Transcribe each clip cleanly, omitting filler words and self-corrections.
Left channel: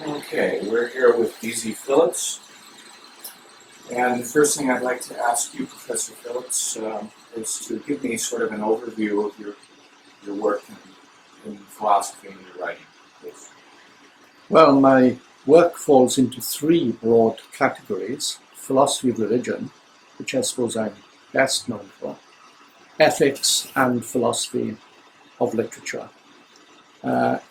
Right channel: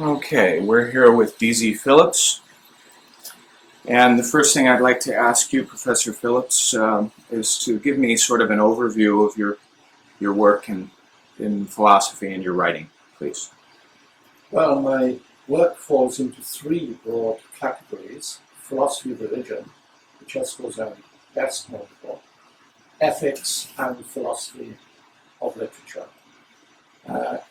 Okay, we're here with DZ Phillips, and the first thing I'd like to ask you, Professor Phillips, is to give me sort of an overview of your work in philosophy and your writing, please. Well, my work falls into three broad categories: philosophy of religion, which I suppose I'm best known for, ethics, and philosophy of literature.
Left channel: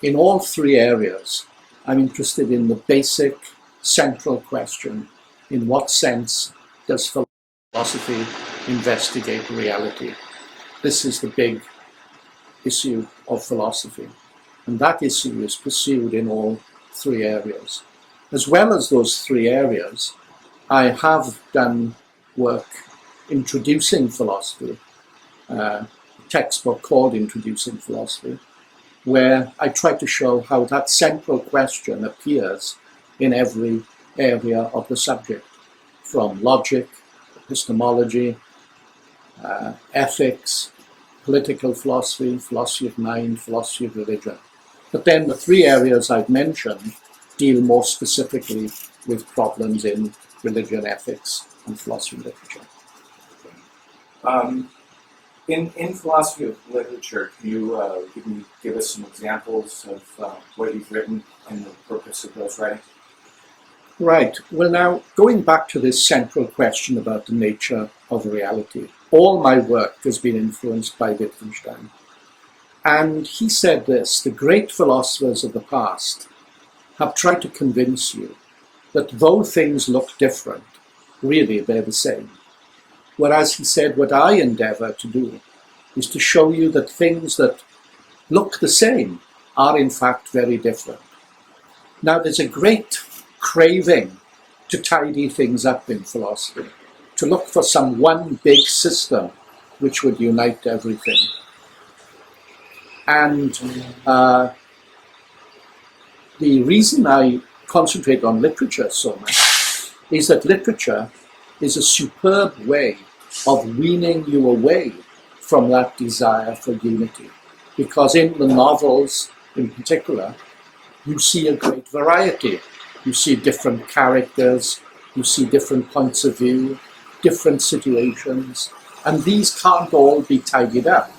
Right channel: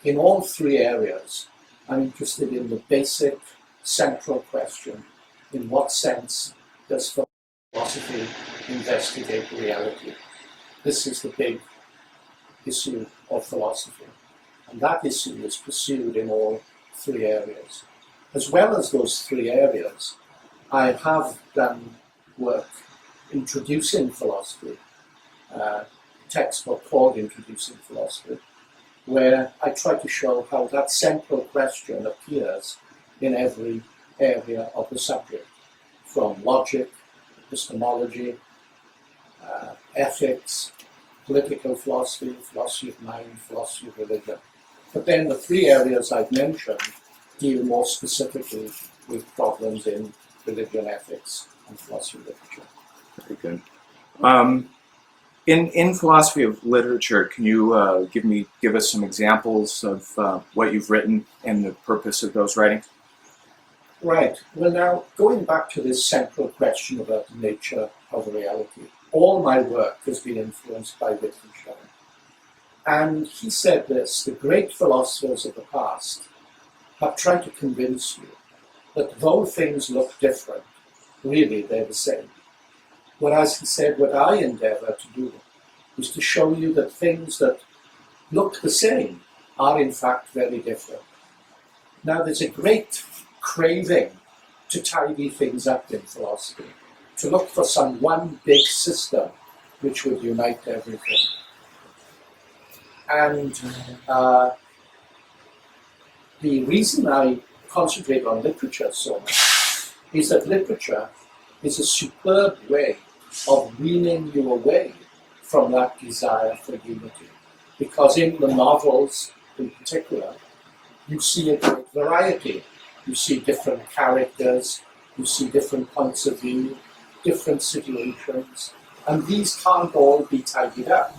In all three areas, I'm interested in the basic central question: in what sense does philosophy investigate reality? This is the big issue of philosophy, and that issue is pursued in all three areas. As well as those three areas, I have done work introducing philosophy, a textbook called Introducing Philosophy, where I try to show how that central question appears in every area of the subject, from logic, epistemology, ethics, political philosophy, philosophy of mind, philosophy of religion. But then the three areas I've mentioned deal more specifically with problems in religion, ethics, and philosophy of literature. Very good. In philosophy of literature, can you give us some examples of what you've written and the purpose of those writings? Right. Well, now, going back to this central question about the nature of reality, all my work has been influenced by Wittgenstein. And he said this: the great philosophers of the past have tried to convince you that though things look different, really they're the same. Whereas he said, what I endeavor to do is to show you that things that look the same are in fact very different. Now, there's a great craving to tidy things up in philosophy, to look for some one big system which would unite everything. And the reason I concentrate on literature so much is that literature is a superb way of weaning you away from that desire for unity. Because in the novels in particular, you see a great variety. You see different characters, you see different points of view, different situations, and these can't all be tidied up.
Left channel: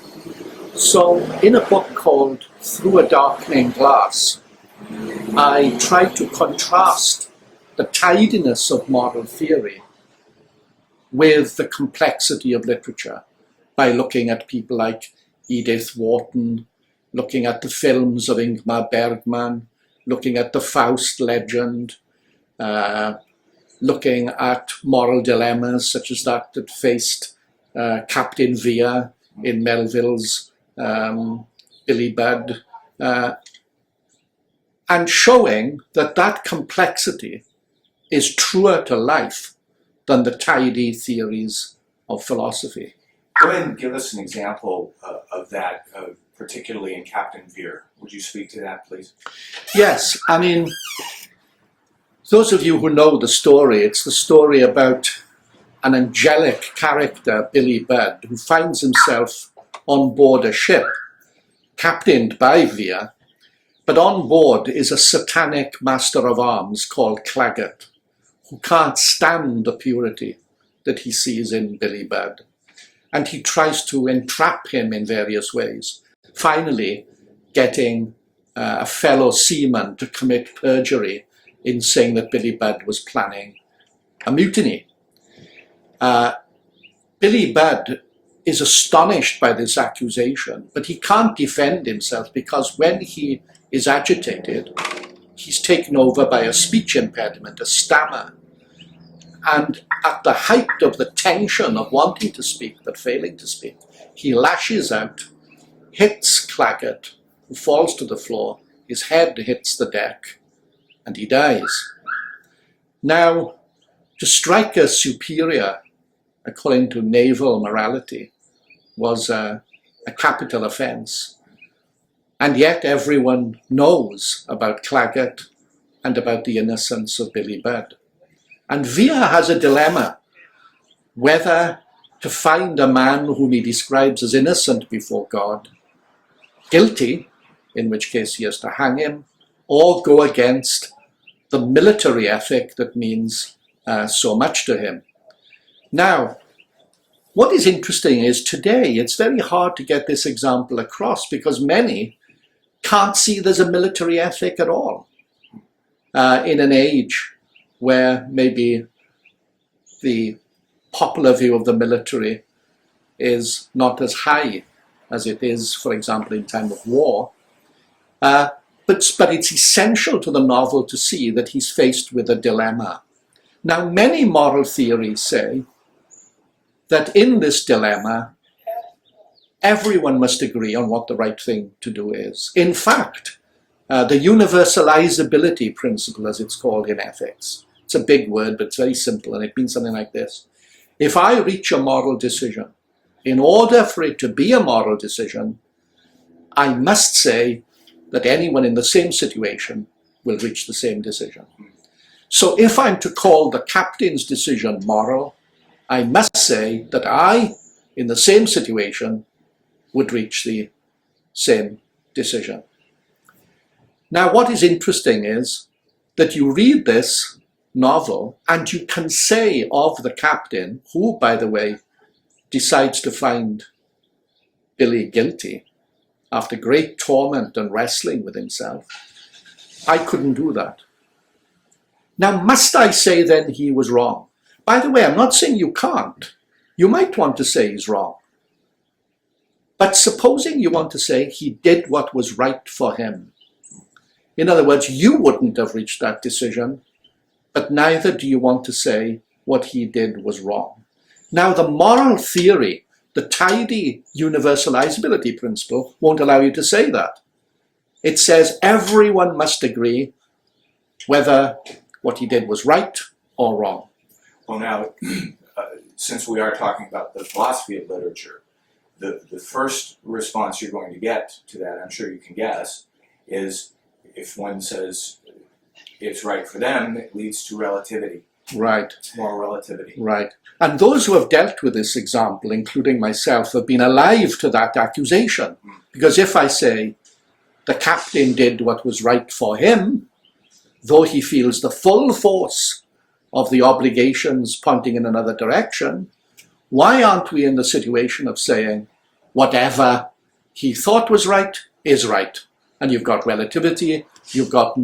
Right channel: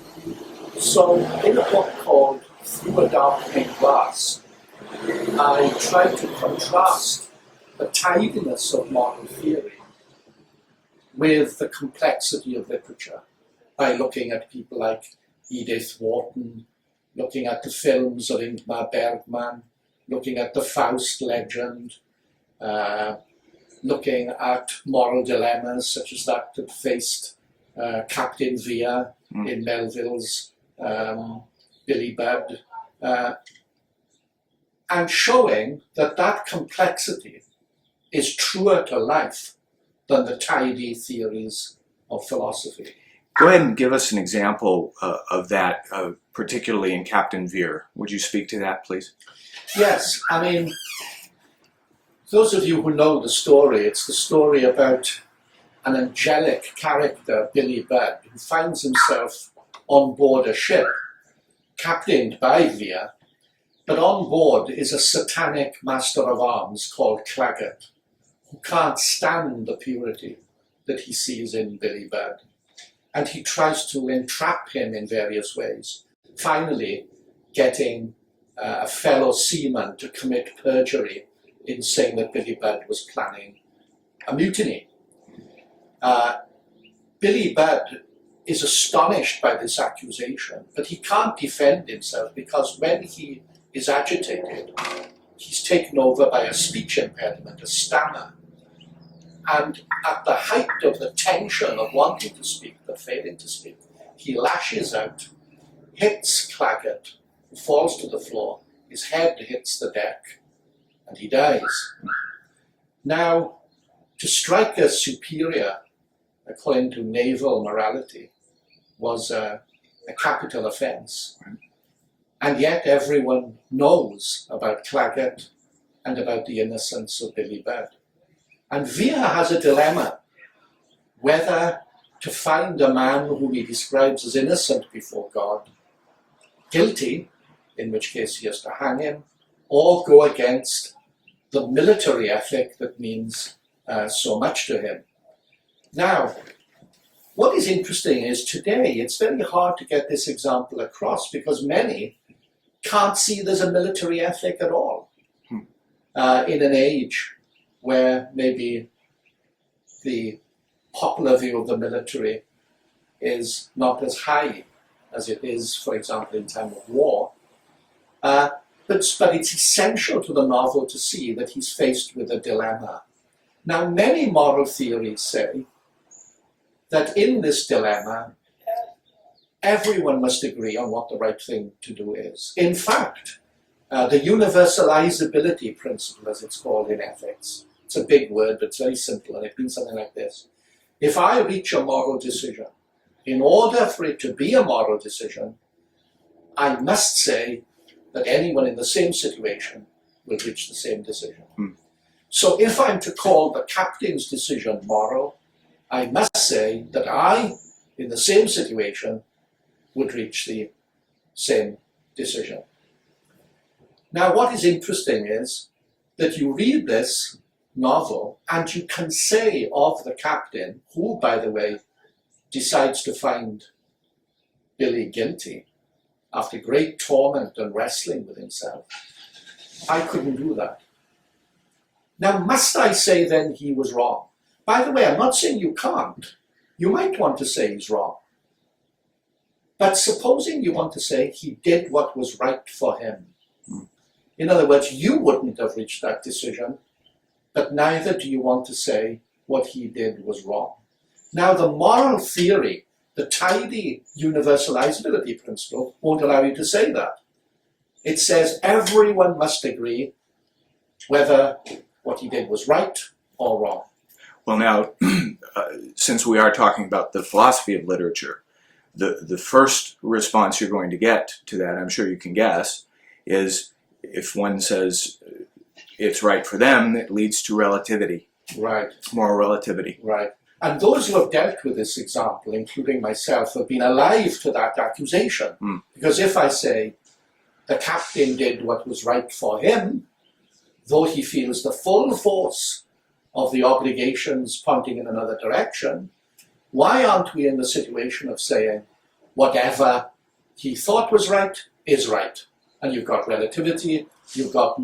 So in a book called Through a Darkening Glass, I tried to contrast the tidiness of moral theory with the complexity of literature by looking at people like Edith Wharton, looking at the films of Ingmar Bergman, looking at the Faust legend, looking at moral dilemmas such as that faced Captain Vere in Melville's Billy Budd, and showing that that complexity is truer to life than the tidy theories of philosophy. Go ahead and give us an example of that, particularly in Captain Vere. Would you speak to that, please? Yes, I mean, those of you who know the story, it's the story about an angelic character, Billy Budd, who finds himself on board a ship captained by Vere, but on board is a satanic master of arms called Claggart, who can't stand the purity that he sees in Billy Budd. And he tries to entrap him in various ways, finally getting a fellow seaman to commit perjury in saying that Billy Budd was planning a mutiny. Billy Budd is astonished by this accusation, but he can't defend himself because when he is agitated, he's taken over by a speech impediment, a stammer. And at the height of the tension of wanting to speak but failing to speak, he lashes out, hits Claggart, who falls to the floor, his head hits the deck, and he dies. Now, to strike a superior, according to naval morality, was a capital offence. And yet everyone knows about Claggart and about the innocence of Billy Budd. And Vere has a dilemma, whether to find a man whom he describes as innocent before God, guilty, in which case he has to hang him, or go against the military ethic that means so much to him. Now, what is interesting is today it's very hard to get this example across because many can't see there's a military ethic at all in an age where maybe the popular view of the military is not as high as it is, for example, in time of war. But it's essential to the novel to see that he's faced with a dilemma. Now, many moral theories say that in this dilemma, everyone must agree on what the right thing to do is. In fact, the universalizability principle, as it's called in ethics, it's a big word, but it's very simple, and it means something like this. If I reach a moral decision, in order for it to be a moral decision, I must say that anyone in the same situation will reach the same decision. So if I'm to call the captain's decision moral, I must say that I, in the same situation, would reach the same decision. Now, what is interesting is that you read this novel and you can say of the captain, who, by the way, decides to find Billy guilty after great torment and wrestling with himself, I couldn't do that. Now, must I say then he was wrong? By the way, I'm not saying you can't. You might want to say he's wrong. But supposing you want to say he did what was right for him. In other words, you wouldn't have reached that decision, but neither do you want to say what he did was wrong. Now, the moral theory, the tidy universalizability principle, won't allow you to say that. It says everyone must agree whether what he did was right or wrong. Well, now, since we are talking about the philosophy of literature, the first response you're going to get to that, I'm sure you can guess, is if one says it's right for them, it leads to relativity. Right. Moral relativity. Right. And those who have dealt with this example, including myself, have been alive to that accusation. Because if I say the captain did what was right for him, though he feels the full force of the obligations pointing in another direction, why aren't we in the situation of saying whatever he thought was right is right? And you've got relativity, you've got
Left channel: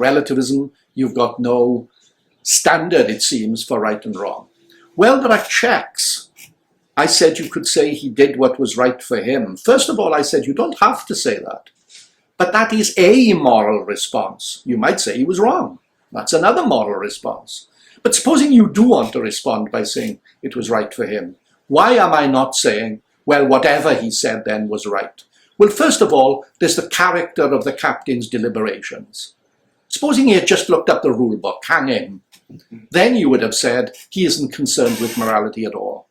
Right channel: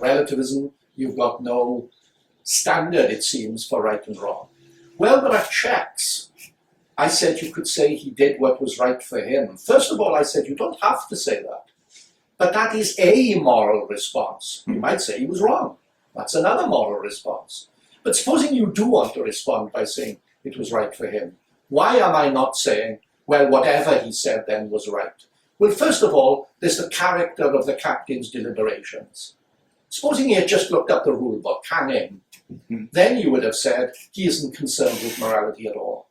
relativism, you've got no standard, it seems, for right and wrong. Well, there are checks. I said you could say he did what was right for him. First of all, I said you don't have to say that. But that is a moral response. You might say he was wrong. That's another moral response. But supposing you do want to respond by saying it was right for him, why am I not saying, well, whatever he said then was right? Well, first of all, there's the character of the captain's deliberations. Supposing he had just looked up the rule book, hang him, then you would have said he isn't concerned with morality at all.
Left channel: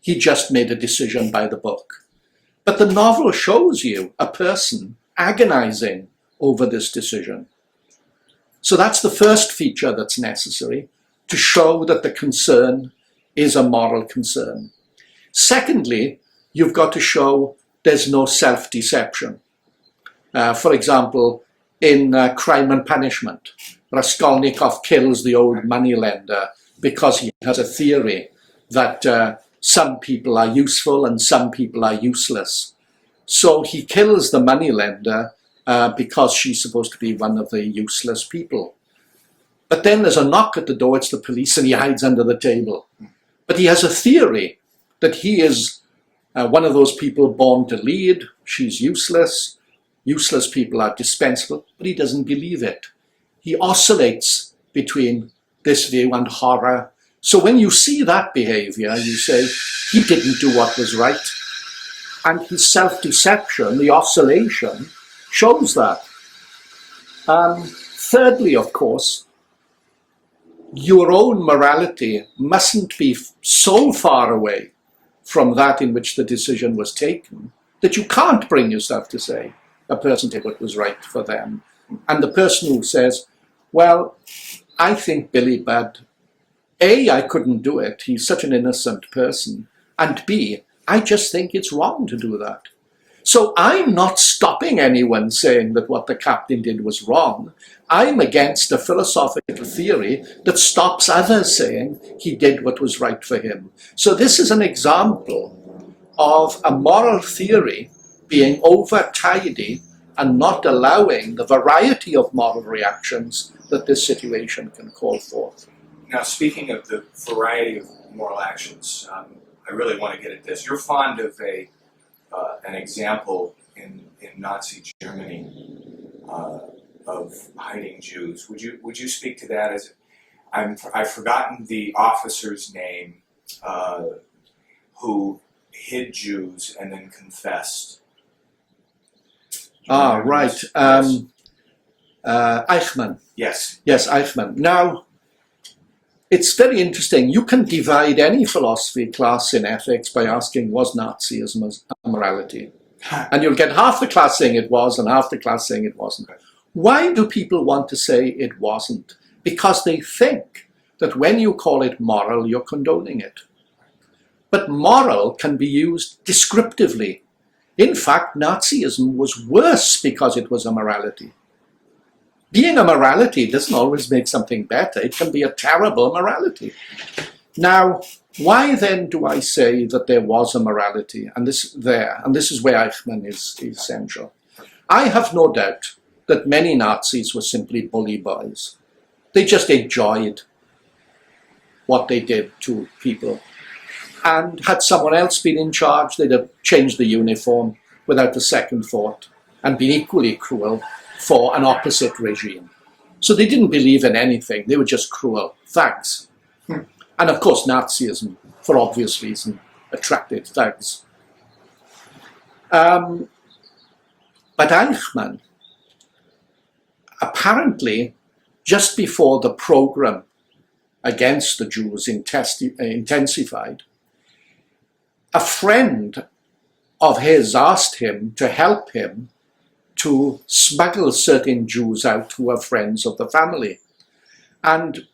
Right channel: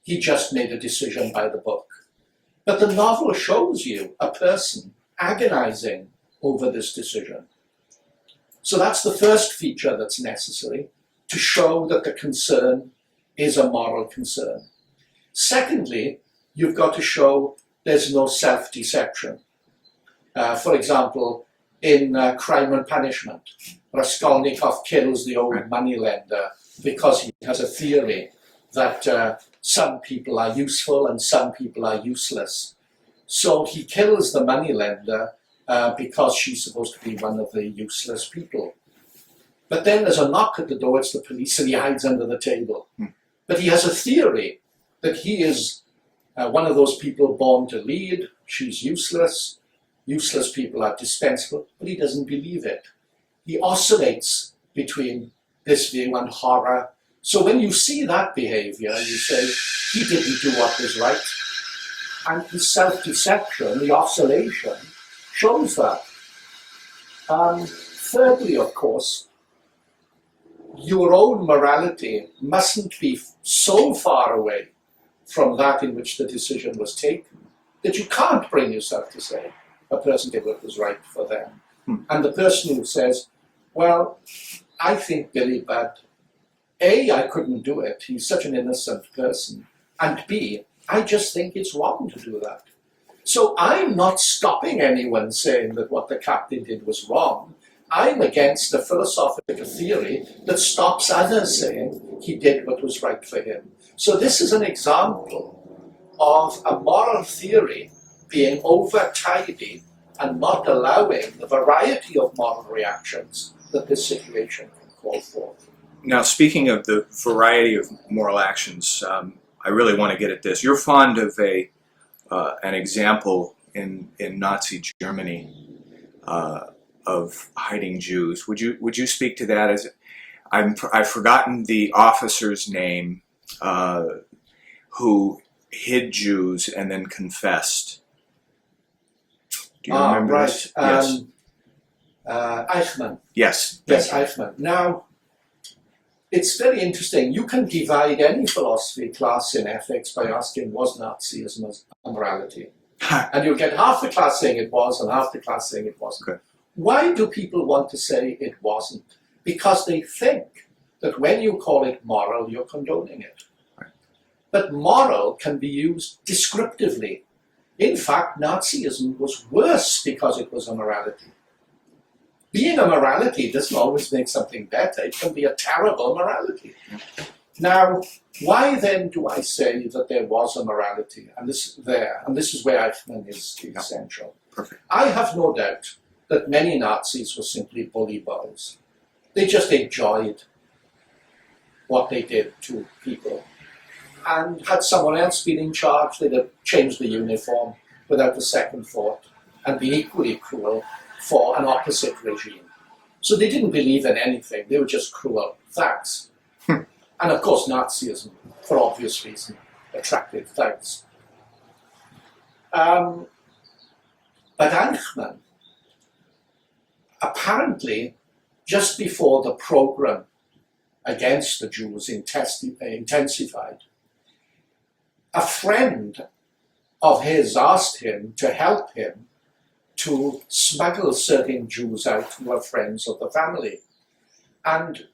He just made a decision by the book. But the novel shows you a person agonizing over this decision. So that's the first feature that's necessary to show that the concern is a moral concern. Secondly, you've got to show there's no self-deception. For example, in Crime and Punishment, Raskolnikov kills the old moneylender because he has a theory that some people are useful and some people are useless. So he kills the moneylender because she's supposed to be one of the useless people. But then there's a knock at the door, it's the police, and he hides under the table. But he has a theory that he is one of those people born to lead, she's useless, useless people are dispensable, but he doesn't believe it. He oscillates between this view and horror. So when you see that behavior, you say, he didn't do what was right. And his self-deception, the oscillation, shows that. Thirdly, of course, your own morality mustn't be so far away from that in which the decision was taken that you can't bring yourself to say a person did what was right for them. And the person who says, well, I think Billy bad. A, I couldn't do it. He's such an innocent person. And B, I just think it's wrong to do that. So I'm not stopping anyone saying that what the captain did was wrong. I'm against a philosophical theory that stops others saying he did what was right for him. So this is an example of a moral theory being over-tidy and not allowing the variety of moral reactions that this situation can call forth. Now, speaking of the variety of moral actions, I really want to get at this. You're fond of an example in Nazi Germany of hiding Jews. Would you speak to that? I've forgotten the officer's name who hid Jews and then confessed. Right. Yes. Eichmann. Yes. Yes, Eichmann. Now, it's very interesting. You can divide any philosophy class in ethics by asking, was Nazism a morality? And you'll get half the class saying it was and half the class saying it wasn't. Okay. Why do people want to say it wasn't? Because they think that when you call it moral, you're condoning it. But moral can be used descriptively. In fact, Nazism was worse because it was a morality. Being a morality doesn't always make something better. It can be a terrible morality. Now, why then do I say that there was a morality? And this is where Eichmann is essential. Perfect. I have no doubt that many Nazis were simply bully boys. They just enjoyed what they did to people. And had someone else been in charge, they'd have changed the uniform without a second thought and been equally cruel for an opposite regime. So they didn't believe in anything. They were just cruel. Thugs. And of course, Nazism, for obvious reason, attracted thugs. But Eichmann, apparently, just before the program against the Jews intensified, a friend of his asked him to help him to smuggle certain Jews out who were friends of the family. And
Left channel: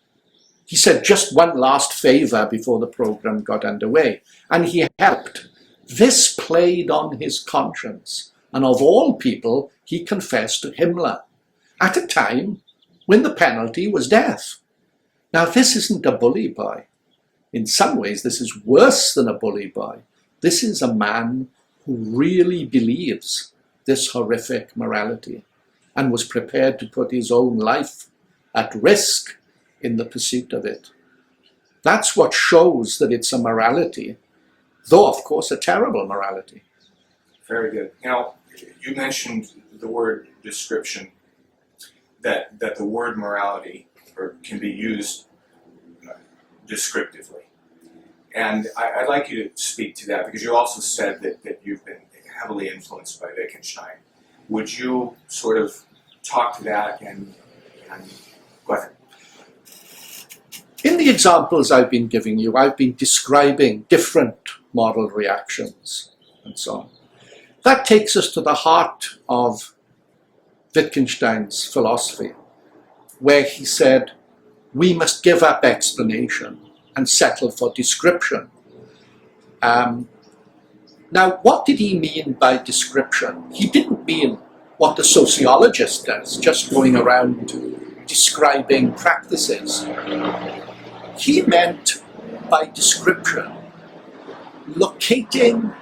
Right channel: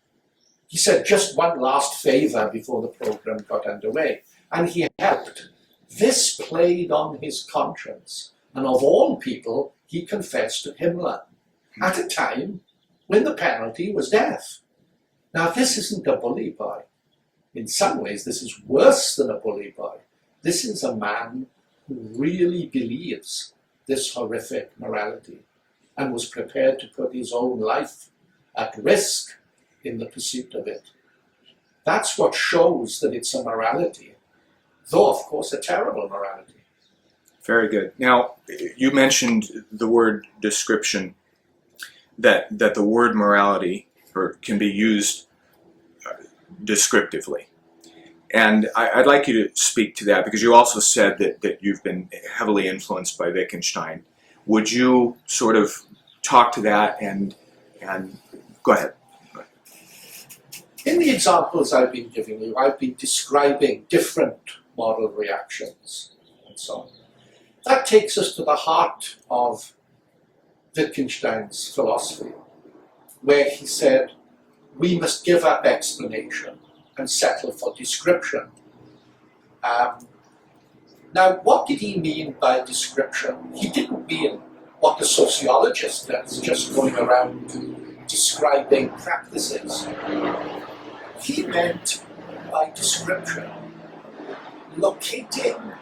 he said, just one last favor before the program got underway. And he helped. This played on his conscience. And of all people, he confessed to Himmler at a time when the penalty was death. Now, this isn't a bully boy. In some ways, this is worse than a bully boy. This is a man who really believes this horrific morality and was prepared to put his own life at risk in the pursuit of it. That's what shows that it's a morality, though, of course, a terrible morality. Very good. Now, you mentioned the word description, that the word morality can be used descriptively. And I'd like you to speak to that, because you also said that you've been heavily influenced by Wittgenstein. Would you sort of talk to that and go ahead. In the examples I've been giving you, I've been describing different moral reactions and so on. That takes us to the heart of Wittgenstein's philosophy, where he said, we must give up explanation and settle for description. Now, what did he mean by description? He didn't mean what the sociologist does, just going around describing practices. He meant by description locating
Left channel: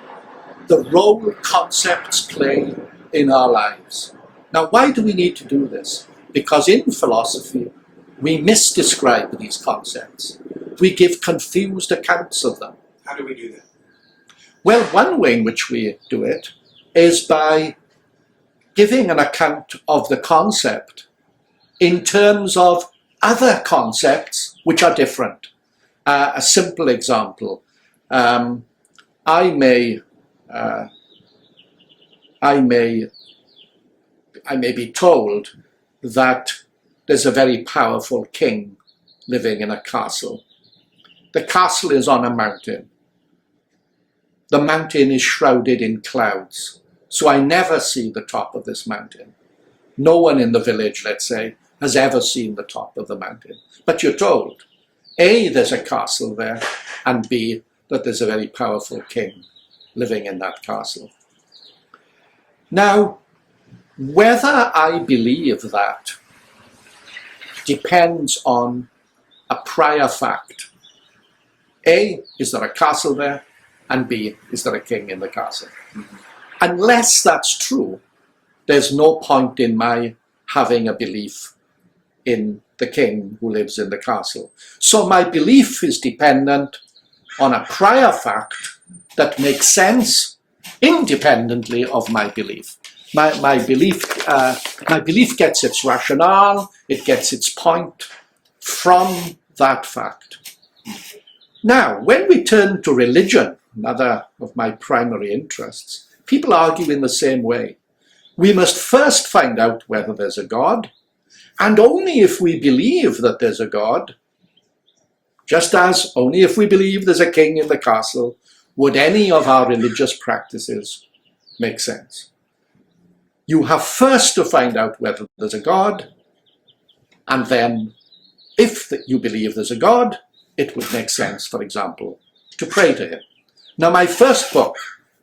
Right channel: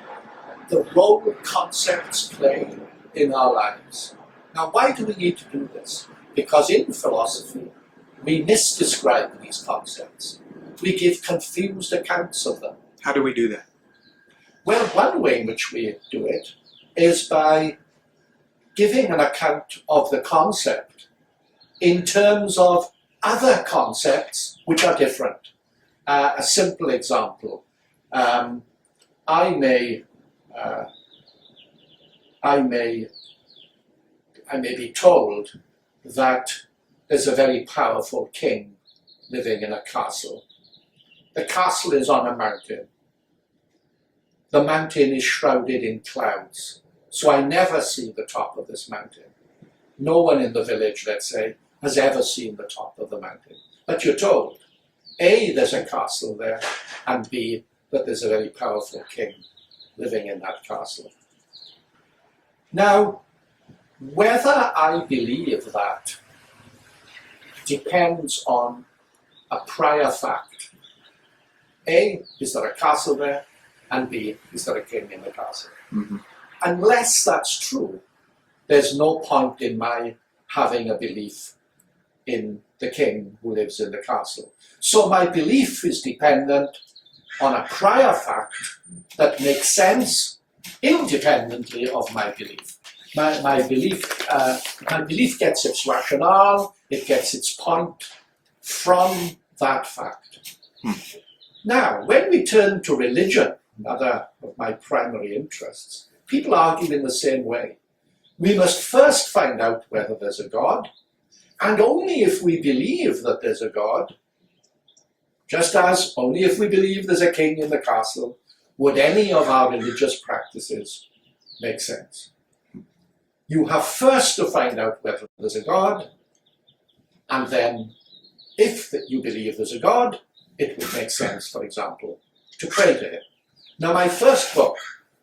the role concepts play in our lives. Now, why do we need to do this? Because in philosophy, we misdescribe these concepts. We give confused accounts of them. How do we do that? Well, one way in which we do it is by giving an account of the concept in terms of other concepts which are different. A simple example, I may be told that there's a very powerful king living in a castle. The castle is on a mountain. The mountain is shrouded in clouds, so I never see the top of this mountain. No one in the village, let's say, has ever seen the top of the mountain. But you're told, A, there's a castle there, and B, that there's a very powerful king living in that castle. Now, whether I believe that depends on a prior fact. A, is there a castle there? And B, is there a king in the castle? Mm-hmm. Unless that's true, there's no point in my having a belief in the king who lives in the castle. So my belief is dependent on a prior fact that makes sense independently of my belief. My belief gets its rationale, it gets its point from that fact. Now, when we turn to religion, another of my primary interests, people argue in the same way. We must first find out whether there's a God, and only if we believe that there's a God, just as only if we believe there's a king in the castle, would any of our religious practices make sense. You have first to find out whether there's a God, and then if you believe there's a God, it would make sense, for example, to pray to him. Now, my first book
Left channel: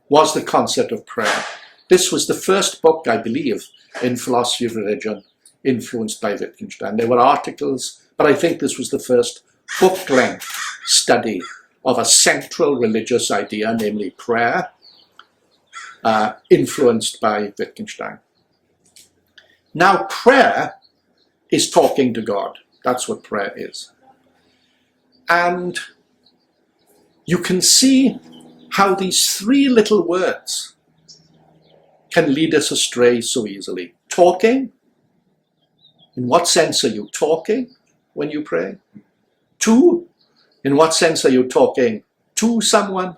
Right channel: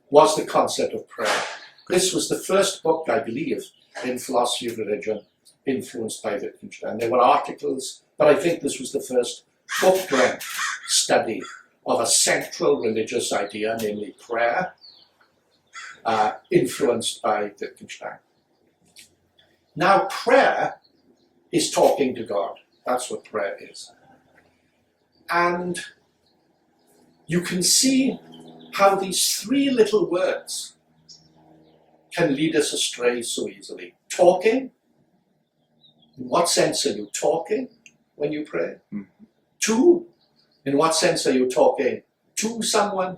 was The Concept of Prayer. This was the first book, I believe, in philosophy of religion, influenced by Wittgenstein. There were articles, but I think this was the first book-length study of a central religious idea, namely prayer, influenced by Wittgenstein. Now, prayer is talking to God. That's what prayer is. And you can see how these three little words can lead us astray so easily. Talking. In what sense are you talking when you pray? Two, in what sense are you talking to someone?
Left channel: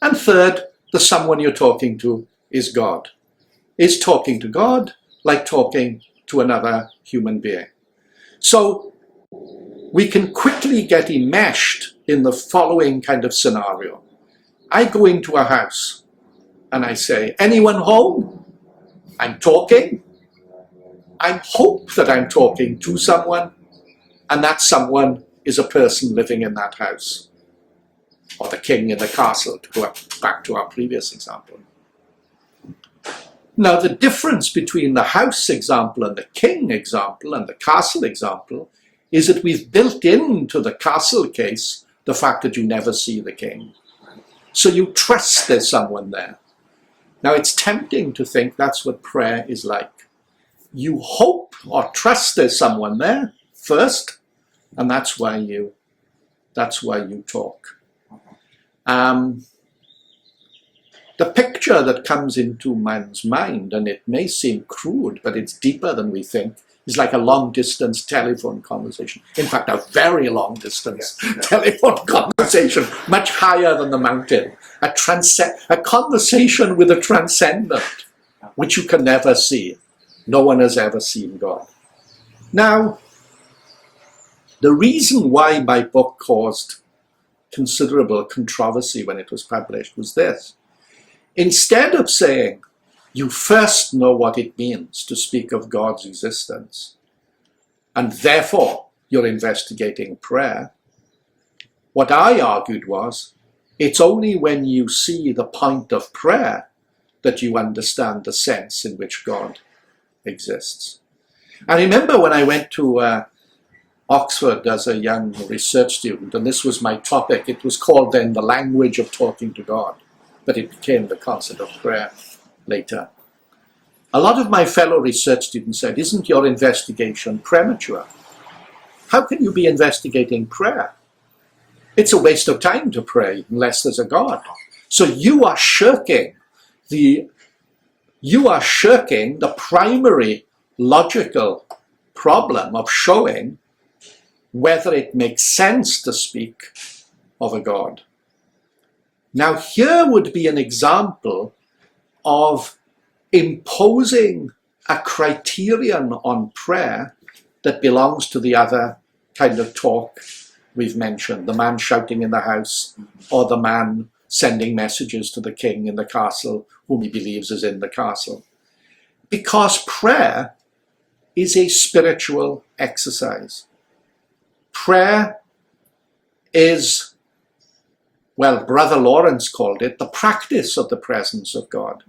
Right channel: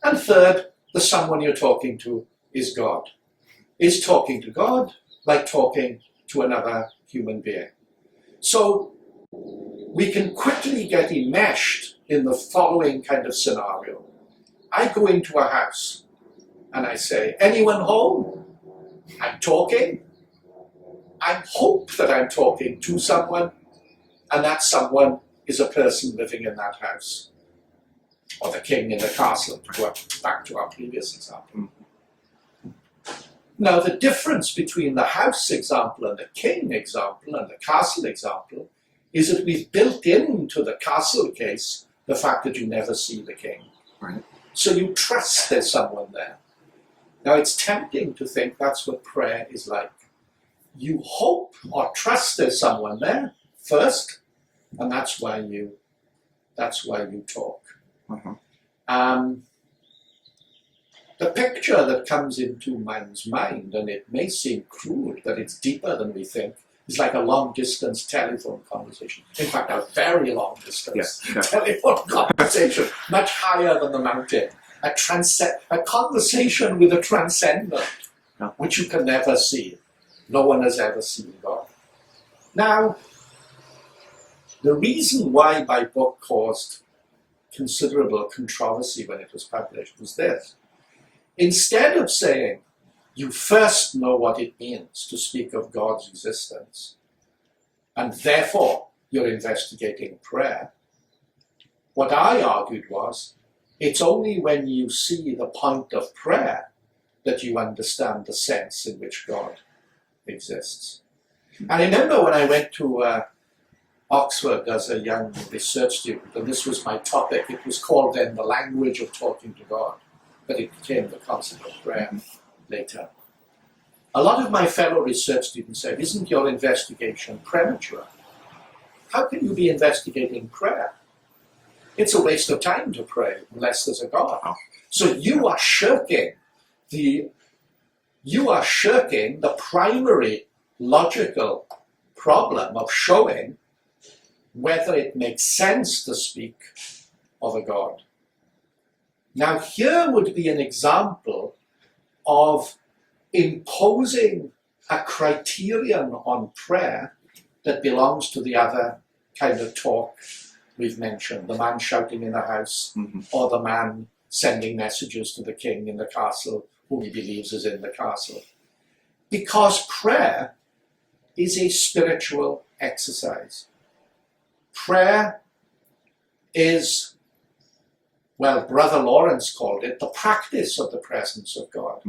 And third, the someone you're talking to is God. Is talking to God like talking to another human being? So we can quickly get enmeshed in the following kind of scenario. I go into a house and I say, anyone home? I'm talking. I hope that I'm talking to someone, and that someone is a person living in that house, or the king in the castle, to go back to our previous example. Now, the difference between the house example and the king example and the castle example is that we've built into the castle case the fact that you never see the king. Right. So you trust there's someone there. Now, it's tempting to think that's what prayer is like. You hope or trust there's someone there first, and that's why you talk. Uh-huh. The picture that comes into man's mind, and it may seem crude, but it's deeper than we think, is like a long-distance telephone conversation. In fact, a very long-distance telephone conversation, much higher than the mountain. A conversation with a transcendent, which you can never see. No one has ever seen God. Now, the reason why my book caused considerable controversy when it was published was this. Instead of saying, you first know what it means to speak of God's existence, and therefore you're investigating prayer, what I argued was, it's only when you see the point of prayer that you understand the sense in which God exists. I remember when I went to Oxford as a young research student, and this was my topic. It was called then The Language of Talking to God, but it became The Concept of Prayer later. A lot of my fellow research students said, isn't your investigation premature? How can you be investigating prayer? It's a waste of time to pray unless there's a God. So you are shirking the primary logical problem of showing whether it makes sense to speak of a God. Now, here would be an example of imposing a criterion on prayer that belongs to the other kind of talk we've mentioned, the man shouting in the house, or the man sending messages to the king in the castle, whom he believes is in the castle. Because prayer is a spiritual exercise. Prayer is, well, Brother Lawrence called it, the practice of the presence of God.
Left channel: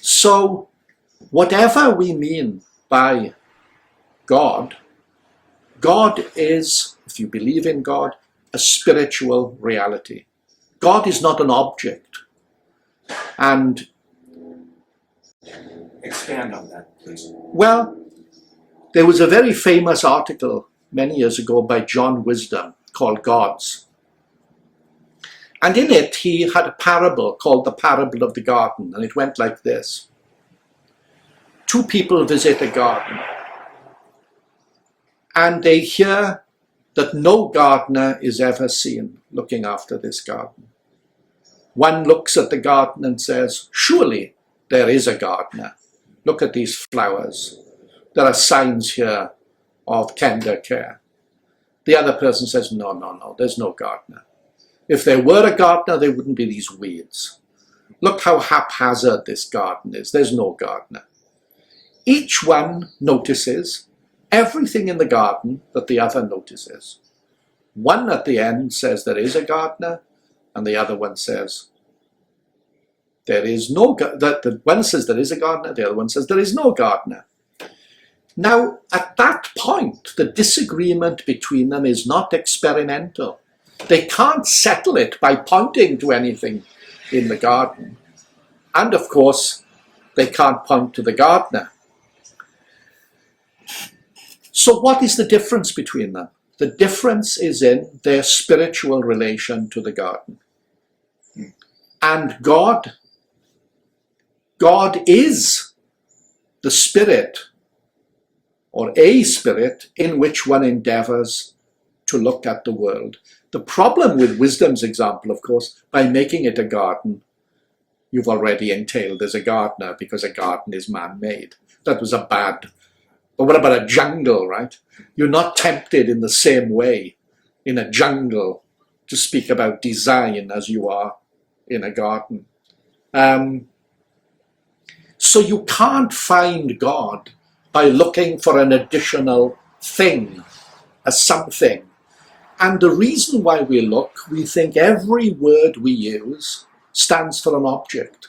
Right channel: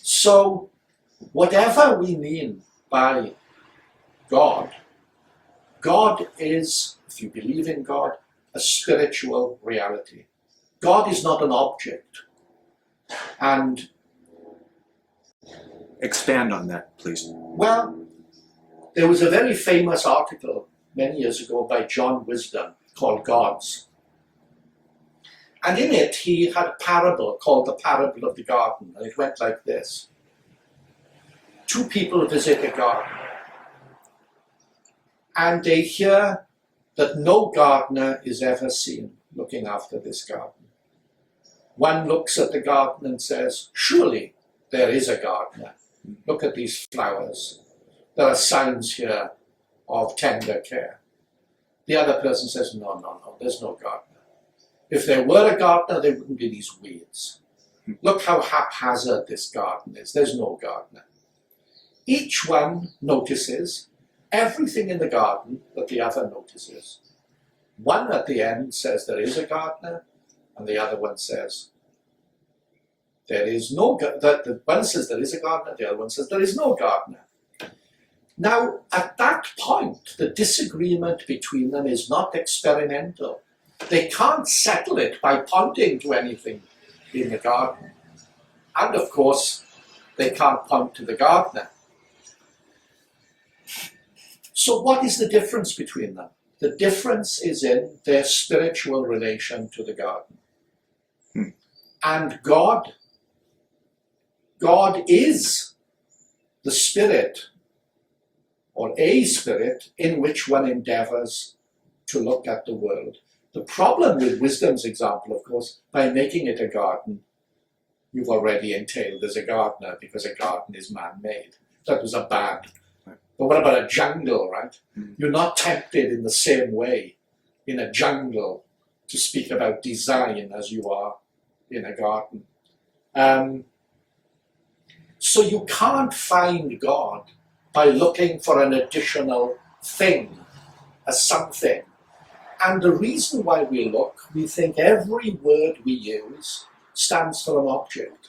So, whatever we mean by God, God is, if you believe in God, a spiritual reality. God is not an object. And Expand on that, please. well, there was a very famous article many years ago by John Wisdom called Gods. And in it, he had a parable called the Parable of the Garden. And it went like this. Two people visit a garden. And they hear that no gardener is ever seen looking after this garden. One looks at the garden and says, surely there is a gardener. Look at these flowers. There are signs here of tender care. The other person says, no, there's no gardener. If there were a gardener, there wouldn't be these weeds. Look how haphazard this garden is. There's no gardener. Each one notices everything in the garden that the other notices. One at the end says there is a gardener, and the other one says there is no gardener. One says there is a gardener, the other one says there is no gardener. Now, at that point, the disagreement between them is not experimental. They can't settle it by pointing to anything in the garden. And of course, they can't point to the gardener. So what is the difference between them? The difference is in their spiritual relation to the garden. And God is the spirit, or a spirit, in which one endeavors to look at the world. The problem with wisdom's example, of course, by making it a garden, you've already entailed there's a gardener because a garden is man-made. That was a bad. But what about a jungle, right? You're not tempted in the same way in a jungle to speak about design as you are in a garden. So you can't find God by looking for an additional thing, a something. And the reason why we look, we think every word we use stands for an object.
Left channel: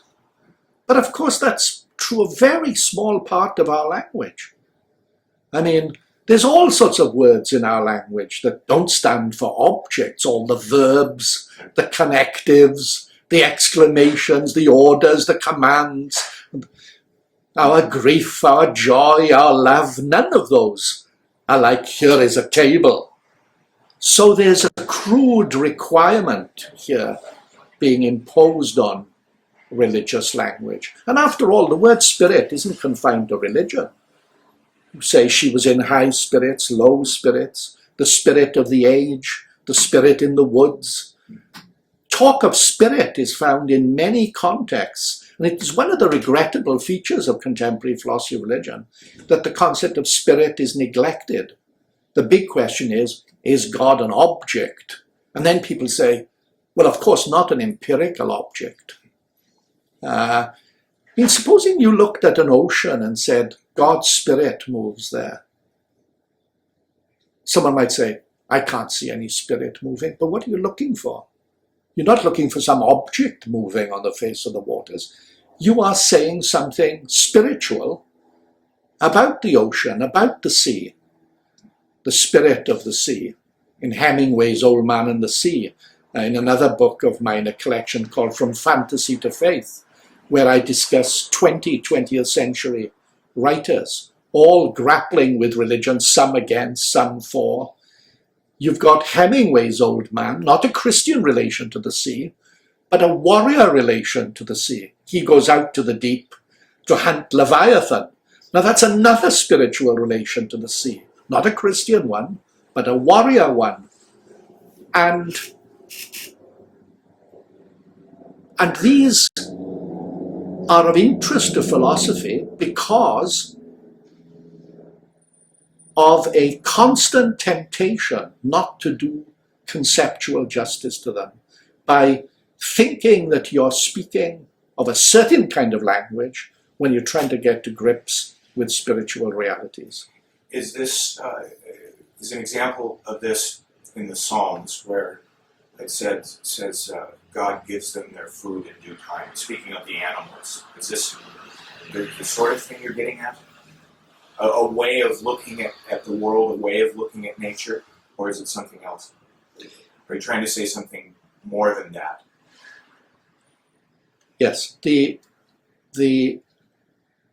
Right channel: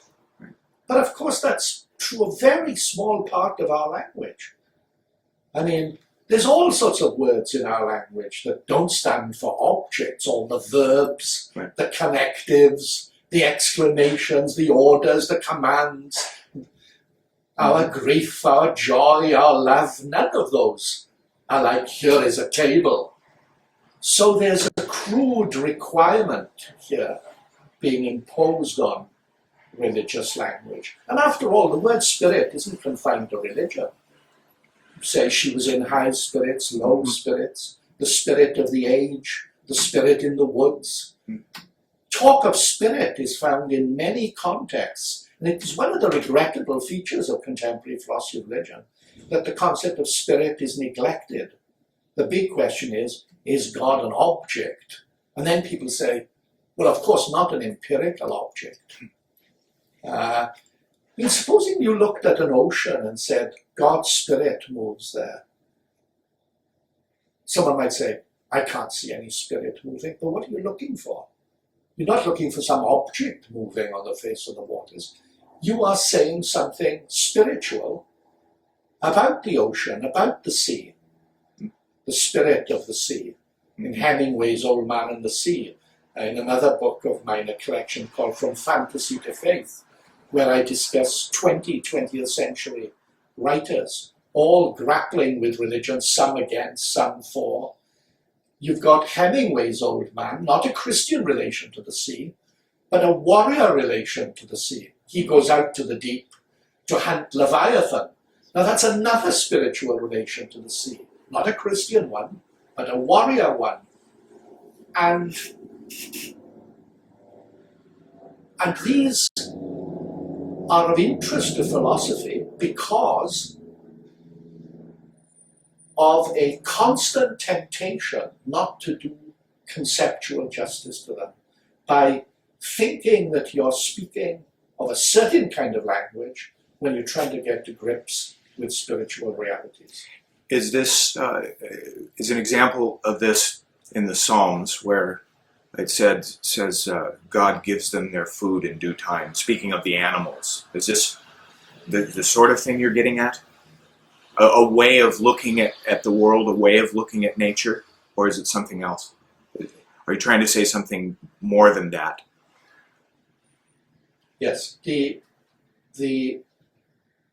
But of course that's true of a very small part of our language. I mean, there's all sorts of words in our language that don't stand for objects, all the verbs, the connectives, the exclamations, the orders, the commands, our grief, our joy, our love, none of those are like, here is a table. So there's a crude requirement here being imposed on religious language. And after all, the word spirit isn't confined to religion. You say she was in high spirits, low spirits, the spirit of the age, the spirit in the woods. Talk of spirit is found in many contexts. And it is one of the regrettable features of contemporary philosophy of religion that the concept of spirit is neglected. The big question is God an object? And then people say, well, of course, not an empirical object. Supposing you looked at an ocean and said, God's spirit moves there. Someone might say, I can't see any spirit moving, but what are you looking for? You're not looking for some object moving on the face of the waters. You are saying something spiritual about the ocean, about the sea, the spirit of the sea. In Hemingway's Old Man and the Sea, in another book of mine, a collection called From Fantasy to Faith, where I discuss 20th century writers, all grappling with religion, some against, some for. You've got Hemingway's Old Man, not a Christian relation to the sea, but a warrior relation to the sea. He goes out to the deep to hunt Leviathan. Now that's another spiritual relation to the sea, not a Christian one, but a warrior one. And these are of interest to philosophy because of a constant temptation not to do conceptual justice to them by thinking that you're speaking of a certain kind of language when you're trying to get to grips with spiritual realities. Is this is an example of this in the Psalms where it says God gives them their food in due time? Speaking of the animals, is this the sort of thing you're getting at? a way of looking at the world, a way of looking at nature, or is it something else? Are you trying to say something more than that? Yes, the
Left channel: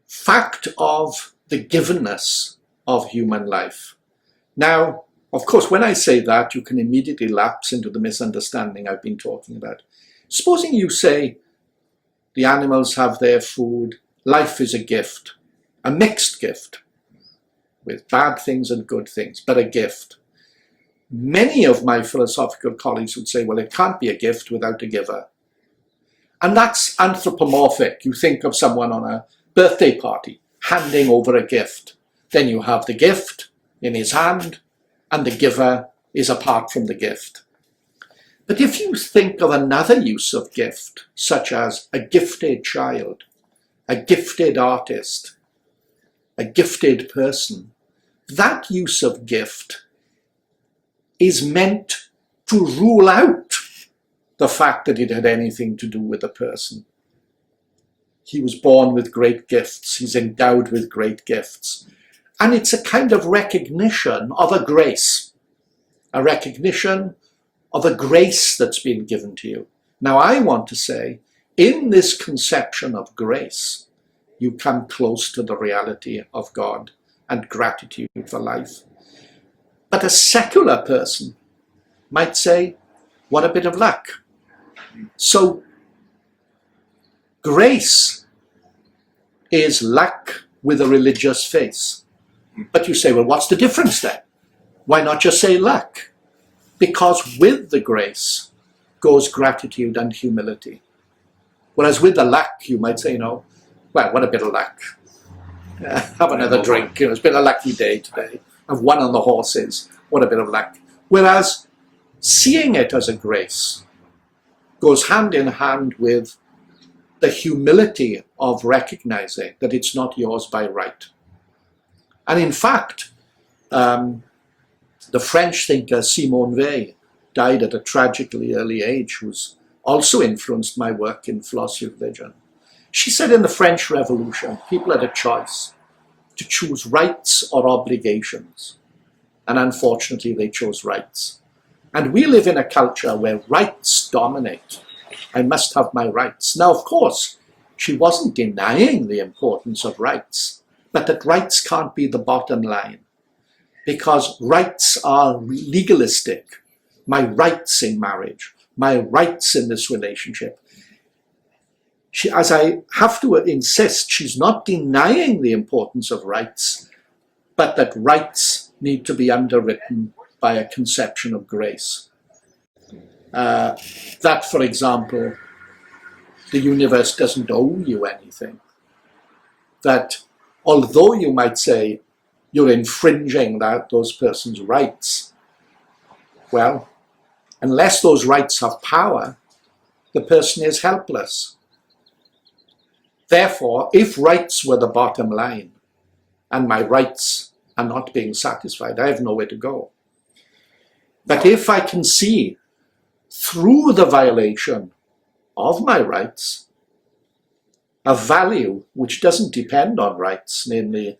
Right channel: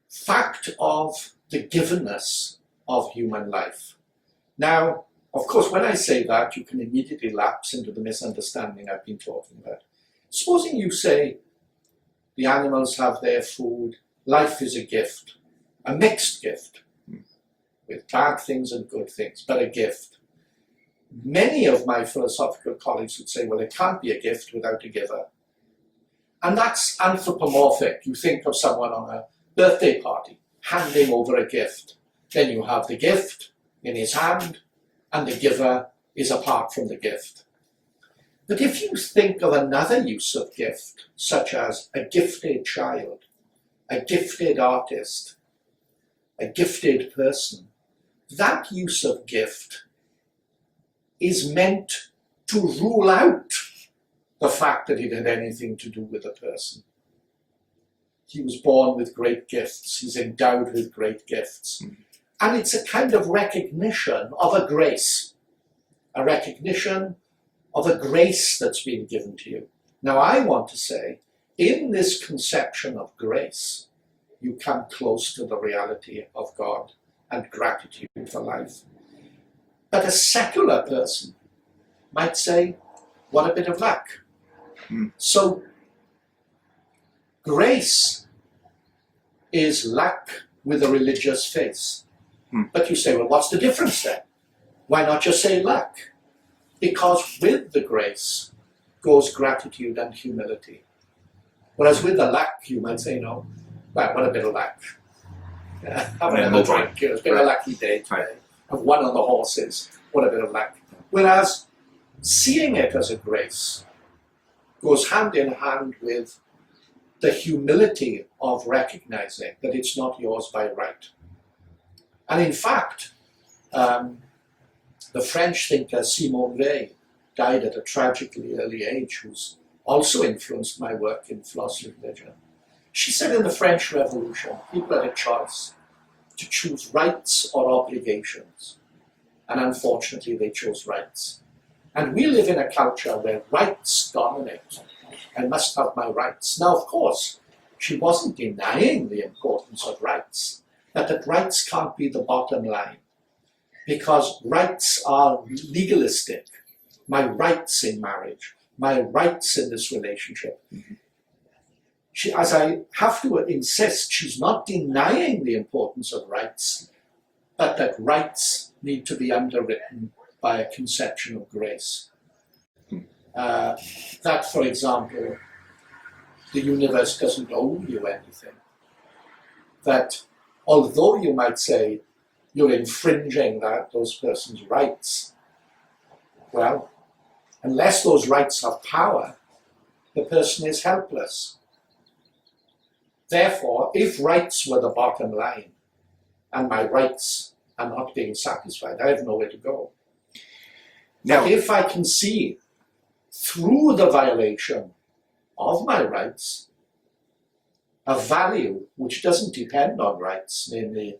fact of the givenness of human life. Now, of course, when I say that, you can immediately lapse into the misunderstanding I've been talking about. Supposing you say the animals have their food, life is a gift, a mixed gift, with bad things and good things, but a gift. Many of my philosophical colleagues would say, well, it can't be a gift without a giver. And that's anthropomorphic. You think of someone on a birthday party handing over a gift. Then you have the gift in his hand, and the giver is apart from the gift. But if you think of another use of gift, such as a gifted child, a gifted artist, a gifted person, that use of gift is meant to rule out the fact that it had anything to do with the person. He was born with great gifts. He's endowed with great gifts. And it's a kind of recognition of a grace, a recognition of a grace that's been given to you. Now, I want to say, in this conception of grace, you come close to the reality of God and gratitude for life. But a secular person might say, what a bit of luck. So, grace is luck with a religious face. But you say, well, what's the difference then? Why not just say luck? Because with the grace goes gratitude and humility. Whereas with the luck, you might say, no, well, what a bit of luck. Have another drink. It's been a lucky day today. I've won on the horses. What a bit of luck. Whereas seeing it as a grace goes hand in hand with the humility of recognizing that it's not yours by right. And in fact, the French thinker Simone Weil died at a tragically early age, who's also influenced my work in philosophy of religion. She said in the French Revolution, people had a choice to choose rights or obligations. And unfortunately, they chose rights. And we live in a culture where rights dominate. I must have my rights. Now, of course, she wasn't denying the importance of rights, but that rights can't be the bottom line, because rights are legalistic. My rights in marriage, my rights in this relationship. She, as I have to insist, she's not denying the importance of rights, but that rights need to be underwritten by a conception of grace. That, for example, the universe doesn't owe you anything. That although you might say you're infringing those persons' rights, well, unless those rights have power, the person is helpless. Therefore, if rights were the bottom line, and my rights are not being satisfied, I have nowhere to go. But if I can see through the violation of my rights a value which doesn't depend on rights, namely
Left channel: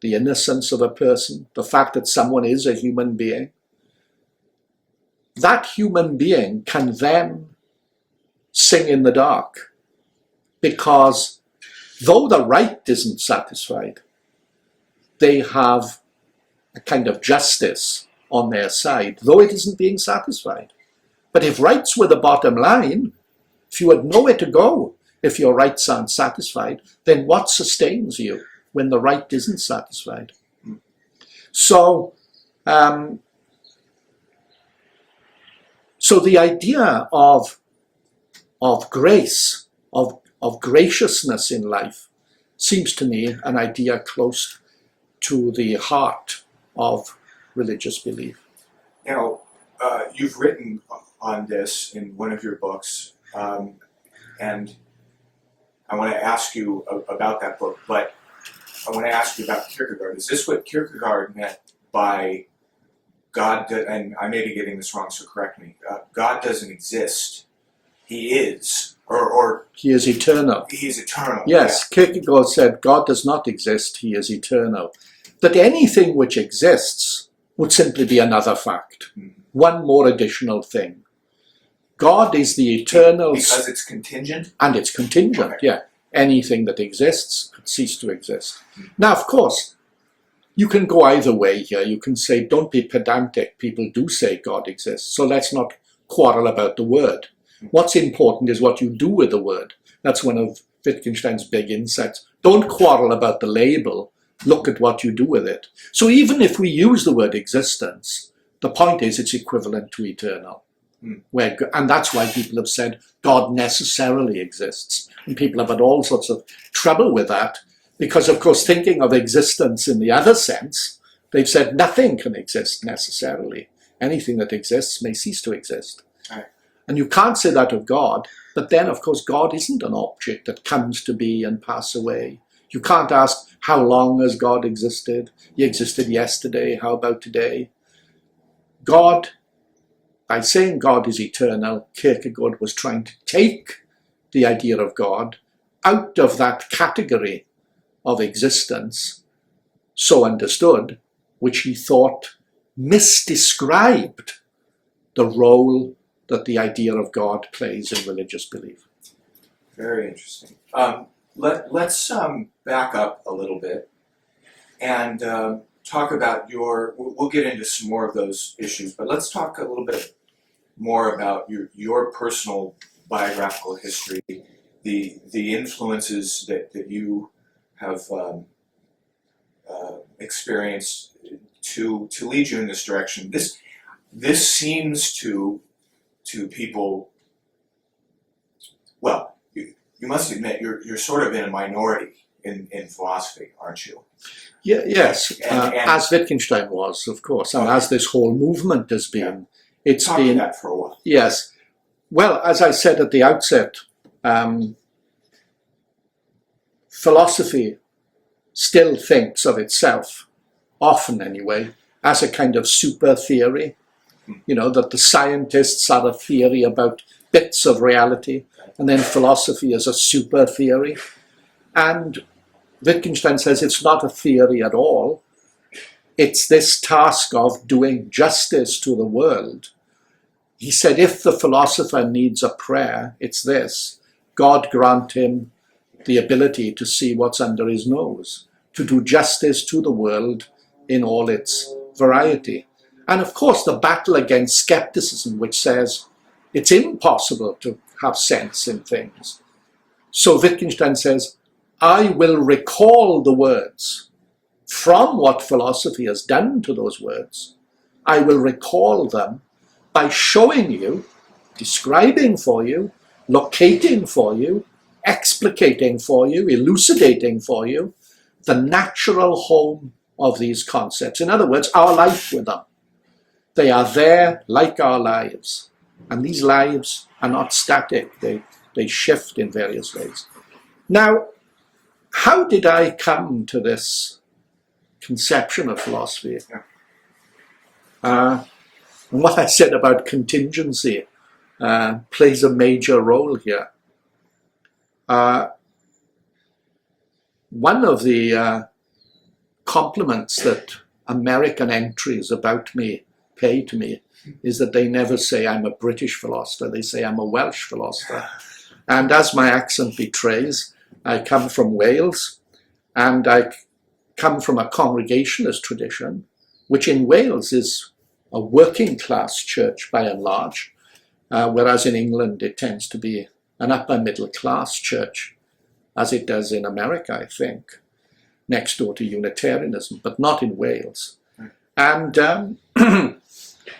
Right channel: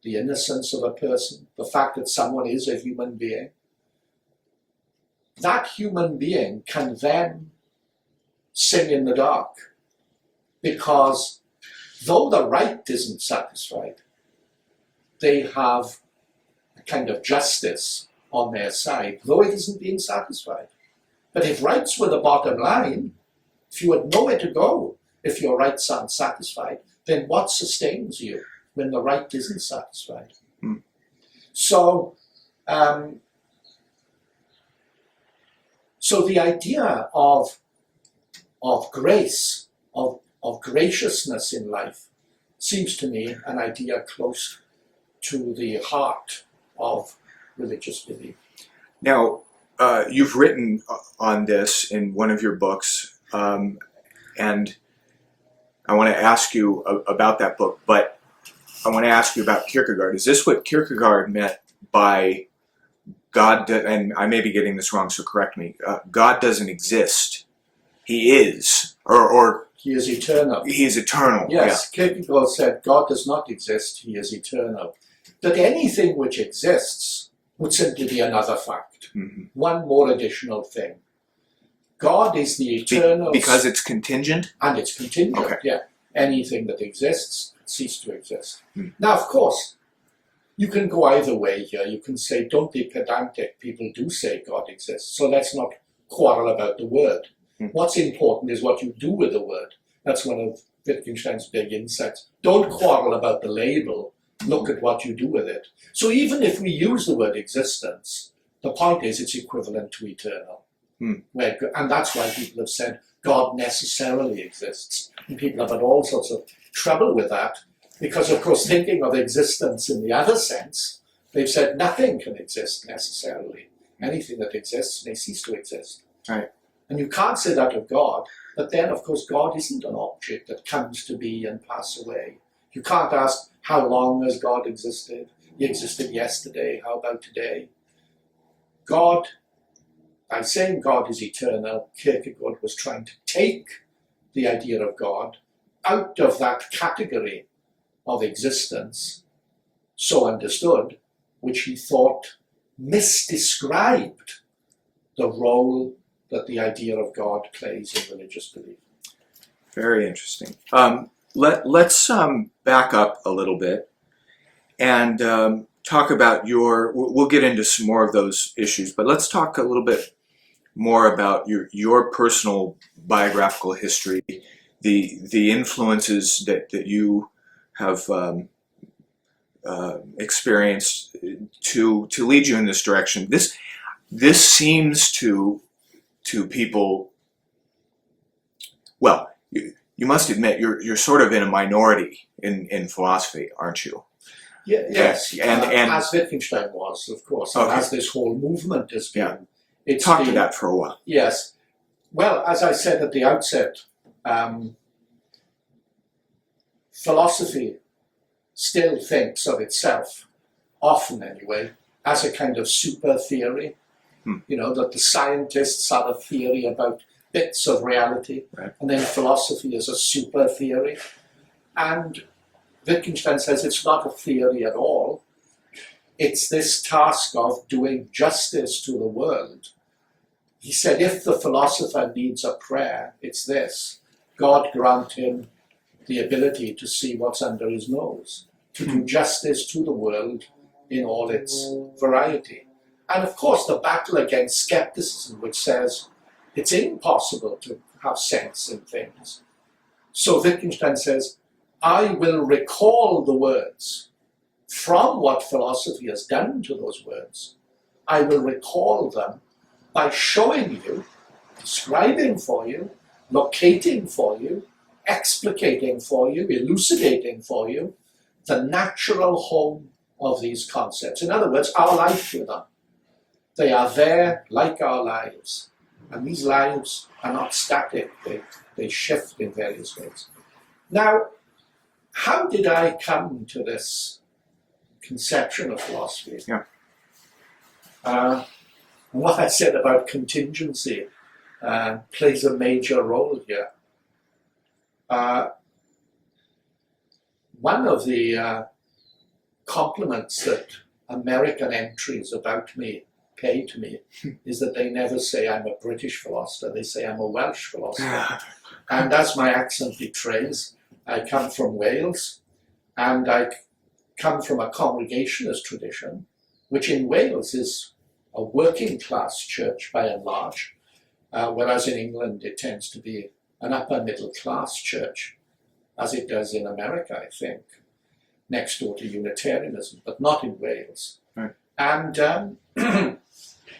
the innocence of a person, the fact that someone is a human being, that human being can then sing in the dark, because though the right isn't satisfied, they have a kind of justice on their side, though it isn't being satisfied. But if rights were the bottom line, if you had nowhere to go, if your rights aren't satisfied, then what sustains you when the right isn't satisfied? So the idea of grace, of graciousness in life, seems to me an idea close to the heart of religious belief. Now, you've written on this in one of your books, and I want to ask you about that book, but I want to ask you about Kierkegaard. Is this what Kierkegaard meant by God, and I may be getting this wrong, so correct me, God doesn't exist. he is, or He is eternal. he is eternal. Yes, Kierkegaard said God does not exist, he is eternal. That anything which exists would simply be another fact. Mm-hmm. One more additional thing. God is the eternal... Because it's contingent? And it's contingent, okay. yeah. Anything that exists could cease to exist. Mm-hmm. Now, of course, you can go either way here. You can say, don't be pedantic. People do say God exists, so let's not quarrel about the word. What's important is what you do with the word. That's one of Wittgenstein's big insights. Don't quarrel about the label. Look at what you do with it. So even if we use the word existence, the point is it's equivalent to eternal. And that's why people have said God necessarily exists. And people have had all sorts of trouble with that because, of course, thinking of existence in the other sense, they've said nothing can exist necessarily. Anything that exists may cease to exist. Right. And you can't say that of God, but then, of course, God isn't an object that comes to be and pass away. You can't ask, how long has God existed? He existed yesterday, how about today? God, by saying God is eternal, Kierkegaard was trying to take the idea of God out of that category of existence, so understood, which he thought misdescribed the role that the idea of God plays in religious belief. Very interesting. Let's back up a little bit and talk about we'll get into some more of those issues, but let's talk a little bit more about your personal biographical history, the influences that you have experienced to lead you in this direction. This seems to people, well, you must admit you're sort of in a minority in philosophy, aren't you? Yeah, yes, and as Wittgenstein was, of course, and as this whole movement has been. Yeah. It's Talk been to that for a while. Yes. Well, as I said at the outset, philosophy still thinks of itself, often anyway, as a kind of super theory. You know, that the scientists are a theory about bits of reality, right. And then philosophy is a super theory. And Wittgenstein says it's not a theory at all. It's this task of doing justice to the world. He said, if the philosopher needs a prayer, it's this: God grant him the ability to see what's under his nose, to do justice to the world in all its variety. And of course, the battle against skepticism, which says it's impossible to have sense in things. So Wittgenstein says, I will recall the words from what philosophy has done to those words. I will recall them by showing you, describing for you, locating for you, explicating for you, elucidating for you the natural home of these concepts. In other words, our life with them. They are there like our lives. And these lives are not static. They shift in various ways. Now, how did I come to this conception of philosophy? Yeah. What I said about contingency plays a major role here. One of the compliments that American entries about me pay to me is that they never say I'm a British philosopher, they say I'm a Welsh philosopher. And as my accent betrays, I come from Wales, and I come from a Congregationalist tradition, which in Wales is a working class church by and large, whereas in England it tends to be an upper middle class church, as it does in America, I think, next door to Unitarianism, but not in Wales. Right. And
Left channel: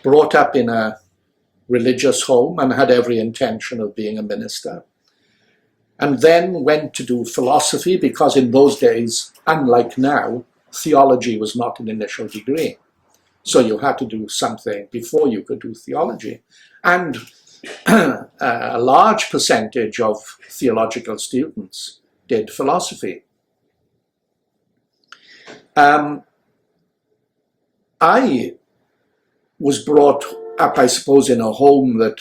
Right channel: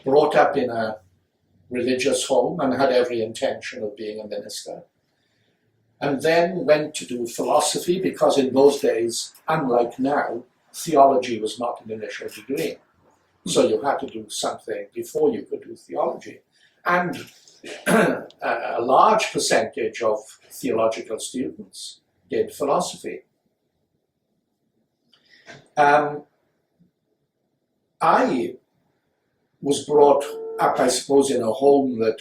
brought up in a religious home and had every intention of being a minister. And then went to do philosophy because in those days, unlike now, theology was not an initial degree. So you had to do something before you could do theology. And a large percentage of theological students did philosophy. I was brought up, I suppose, in a home that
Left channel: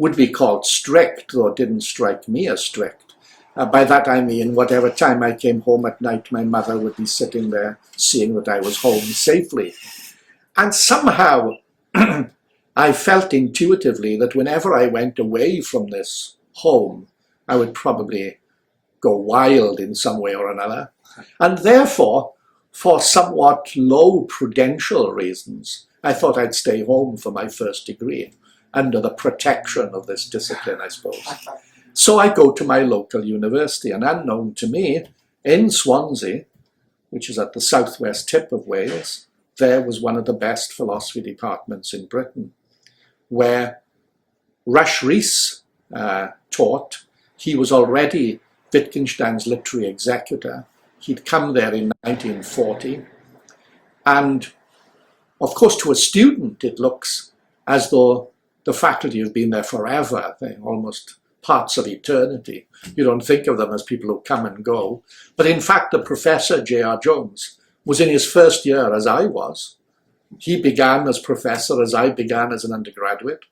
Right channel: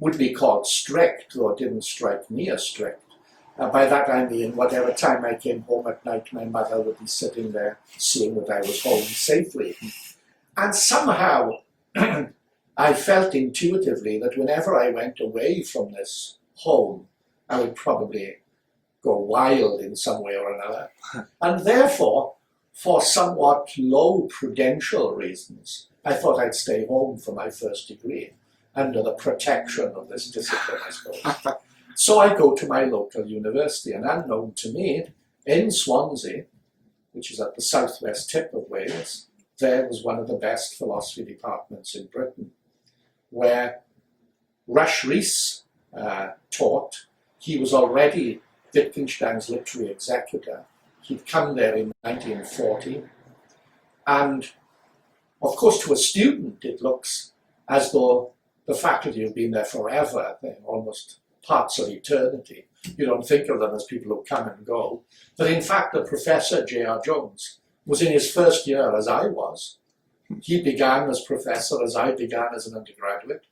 would be called strict, though it didn't strike me as strict. By that I mean whatever time I came home at night, my mother would be sitting there seeing that I was home safely. And somehow I felt intuitively that whenever I went away from this home, I would probably go wild in some way or another. And therefore, for somewhat low prudential reasons, I thought I'd stay home for my first degree, under the protection of this discipline, I suppose. So I go to my local university, and unknown to me, in Swansea, which is at the southwest tip of Wales, there was one of the best philosophy departments in Britain, where Rush Rhys taught. He was already Wittgenstein's literary executor. He'd come there in 1940. And of course, to a student, it looks as though the faculty have been there forever. They're almost parts of eternity. You don't think of them as people who come and go. But in fact, the professor, J.R. Jones, was in his first year as I was. He began as professor as I began as an undergraduate.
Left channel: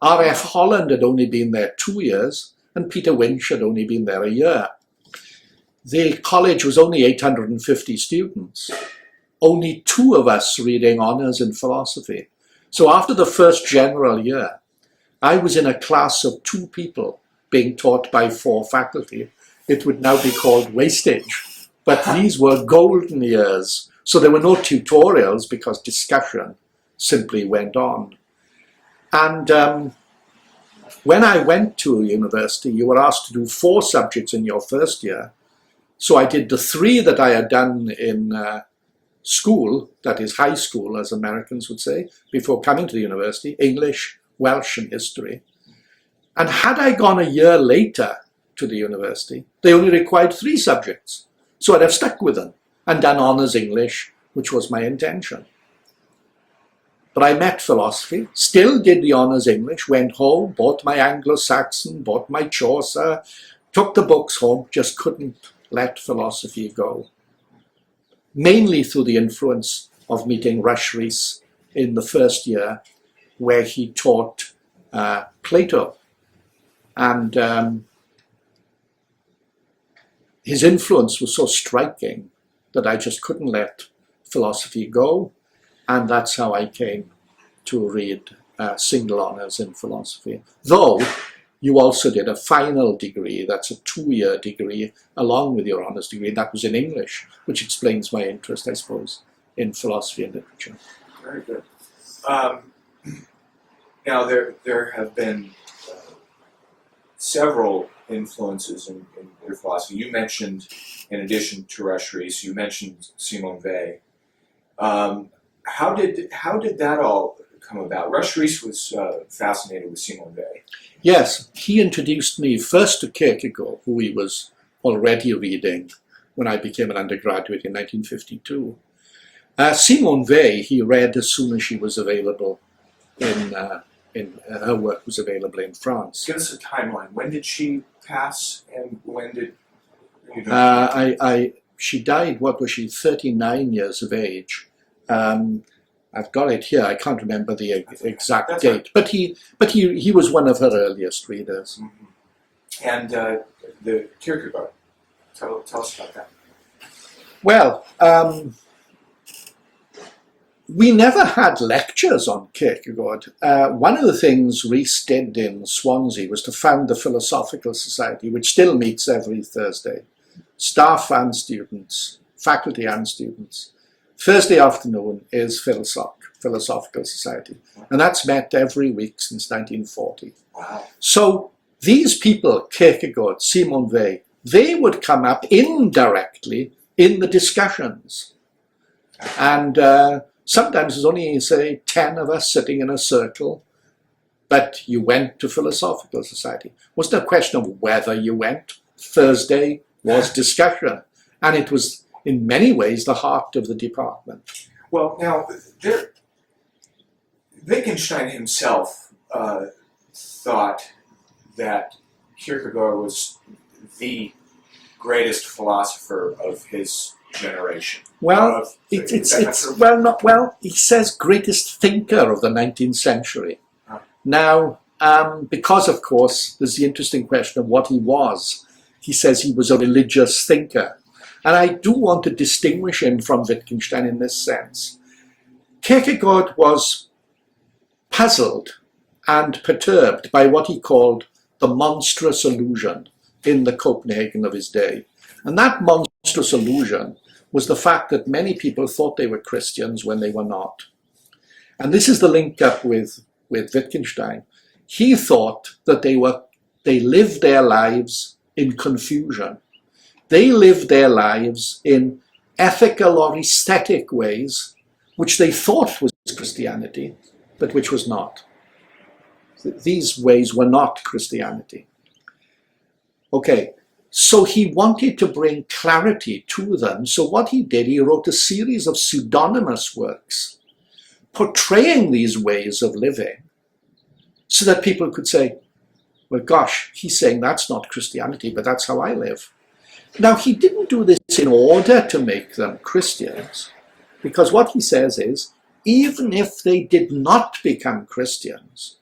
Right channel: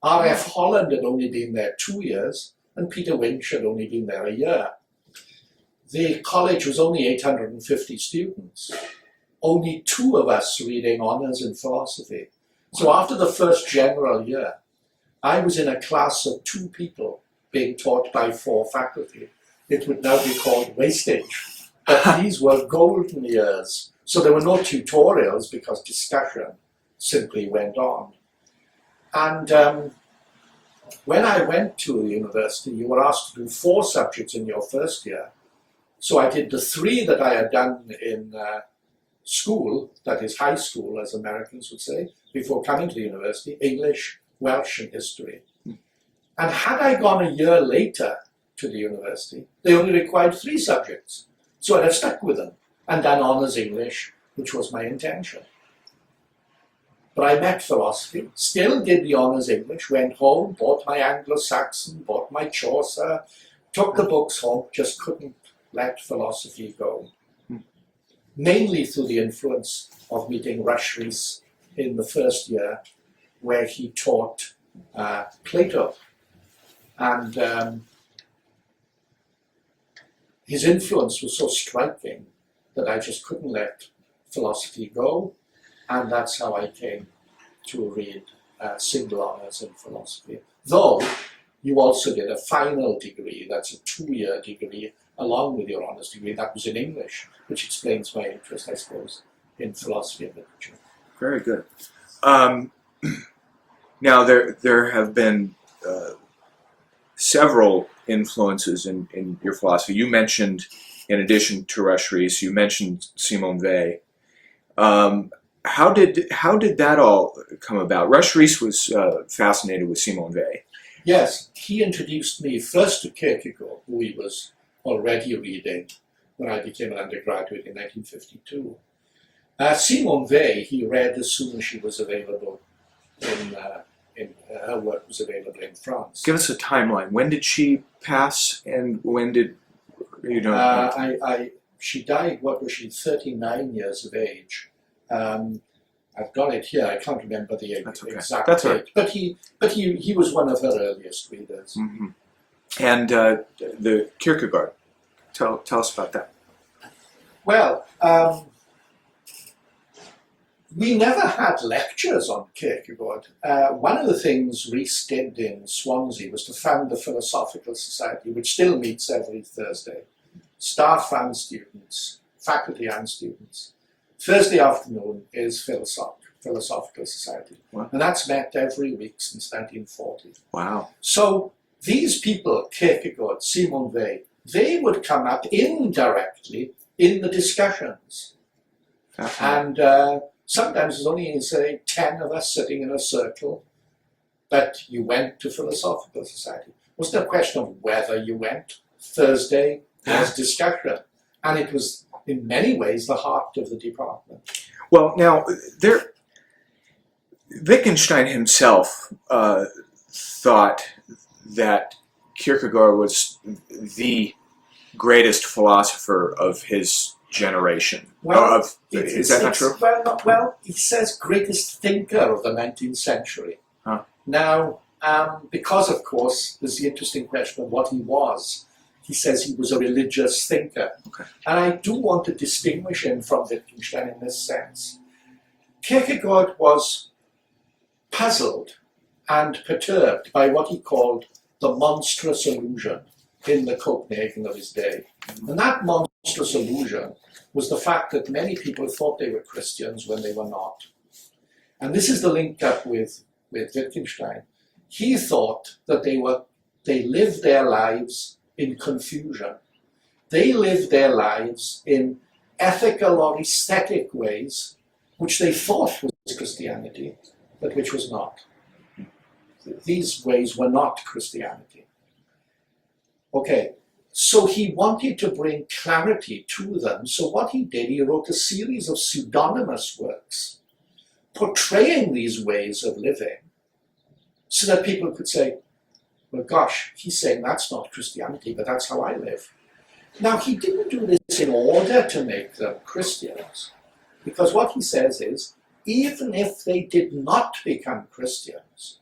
R.F. Holland had only been there 2 years, and Peter Winch had only been there a year. The college was only 850 students, only 2 of us reading honours in philosophy. So after the first general year, I was in a class of 2 people being taught by 4 faculty. It would now be called wastage, but these were golden years. So there were no tutorials because discussion simply went on. And when I went to university, you were asked to do 4 subjects in your first year. So I did the 3 that I had done in school, that is high school, as Americans would say, before coming to the university: English, Welsh, and history. And had I gone a year later to the university, they only required 3 subjects. So I'd have stuck with them and done honours English, which was my intention. But I met philosophy, still did the honours English, went home, bought my Anglo-Saxon, bought my Chaucer, took the books home, just couldn't let philosophy go. Mainly through the influence of meeting Rush Rhys in the first year, where he taught Plato. And his influence was so striking that I just couldn't let philosophy go. And that's how I came to read single honours in philosophy. Though you also did a final degree, that's a 2-year degree, along with your honours degree. That was in English, which explains my interest, I suppose, in philosophy and literature. Very good. Now, there have been several influences in your philosophy. You mentioned, in addition to Rush Rhys, you mentioned Simone Weil. How did that all come about? Rush Rhys was fascinated with Simone Weil. Yes, he introduced me first to Kierkegaard, who he was already reading when I became an undergraduate in 1952. Simone Weil he read as soon as she was available her work was available in France. Give us a timeline. When did she pass, and when did you know? She died. What was she? 39 years of age. I've got it here. I can't remember the exact date, right. But he was one of her earliest readers. Mm-hmm. And the Kierkegaard. Tell us about that. Well, we never had lectures on Kierkegaard. One of the things Rhys did in Swansea was to found the Philosophical Society, which still meets every Thursday. Staff and students, faculty and students. Thursday afternoon is Philosophical Society. Wow. And that's met every week since 1940. Wow. So these people, Kierkegaard, Simone Weil, they would come up indirectly in the discussions. And sometimes there's only, say, 10 of us sitting in a circle, but you went to Philosophical Society. It wasn't a question of whether you went. Thursday was discussion. And it was, in many ways, the heart of the department. Well, now, Wittgenstein himself thought that Kierkegaard was the greatest philosopher of his generation. Well, is that not true? Well, he says greatest thinker of the 19th century. Huh. Now, because, of course, there's the interesting question of what he was. He says he was a religious thinker. Okay. And I do want to distinguish him from Wittgenstein in this sense. Kierkegaard was puzzled and perturbed by what he called the monstrous illusion in the Copenhagen of his day. And that monstrous illusion was the fact that many people thought they were Christians when they were not. And this is the link up with Wittgenstein. He thought that they lived their lives in confusion. They lived their lives in ethical or aesthetic ways, which they thought was Christianity, but which was not. These ways were not Christianity. Okay, so he wanted to bring clarity to them. So what he did, he wrote a series of pseudonymous works portraying these ways of living so that people could say, well, gosh, he's saying that's not Christianity, but that's how I live. Now, he didn't do this in order to make them Christians, because what he says is, even if they did not become Christians,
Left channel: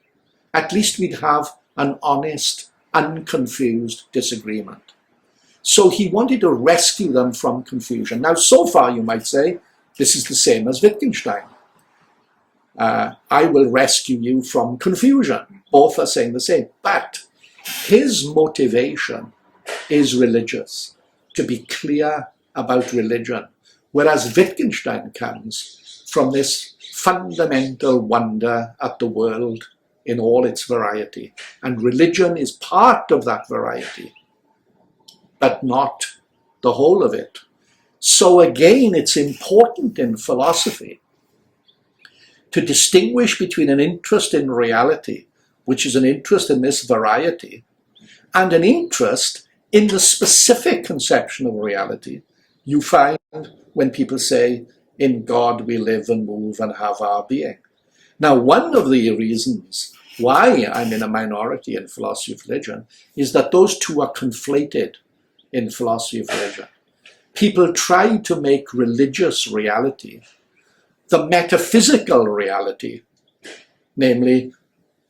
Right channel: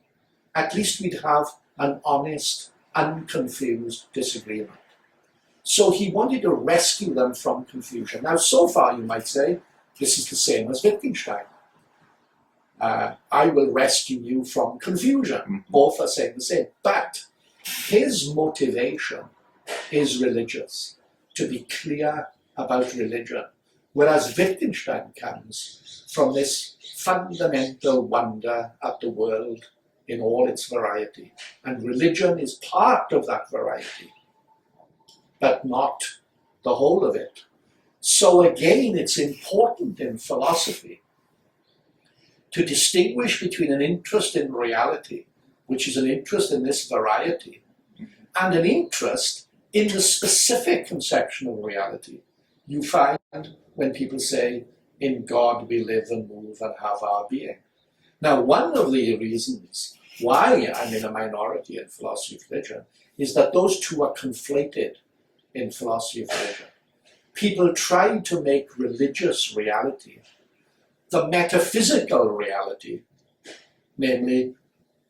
at least we'd have an honest, unconfused disagreement. So he wanted to rescue them from confusion. Now, so far, you might say, this is the same as Wittgenstein. I will rescue you from confusion. Both are saying the same. But his motivation is religious, to be clear about religion. Whereas Wittgenstein comes from this fundamental wonder at the world in all its variety. And religion is part of that variety, but not the whole of it. So again, it's important in philosophy to distinguish between an interest in reality, which is an interest in this variety, and an interest in the specific conception of reality you find when people say, in God we live and move and have our being. Now, one of the reasons why I'm in a minority in philosophy of religion is that those two are conflated in philosophy of religion. People try to make religious reality the metaphysical reality, namely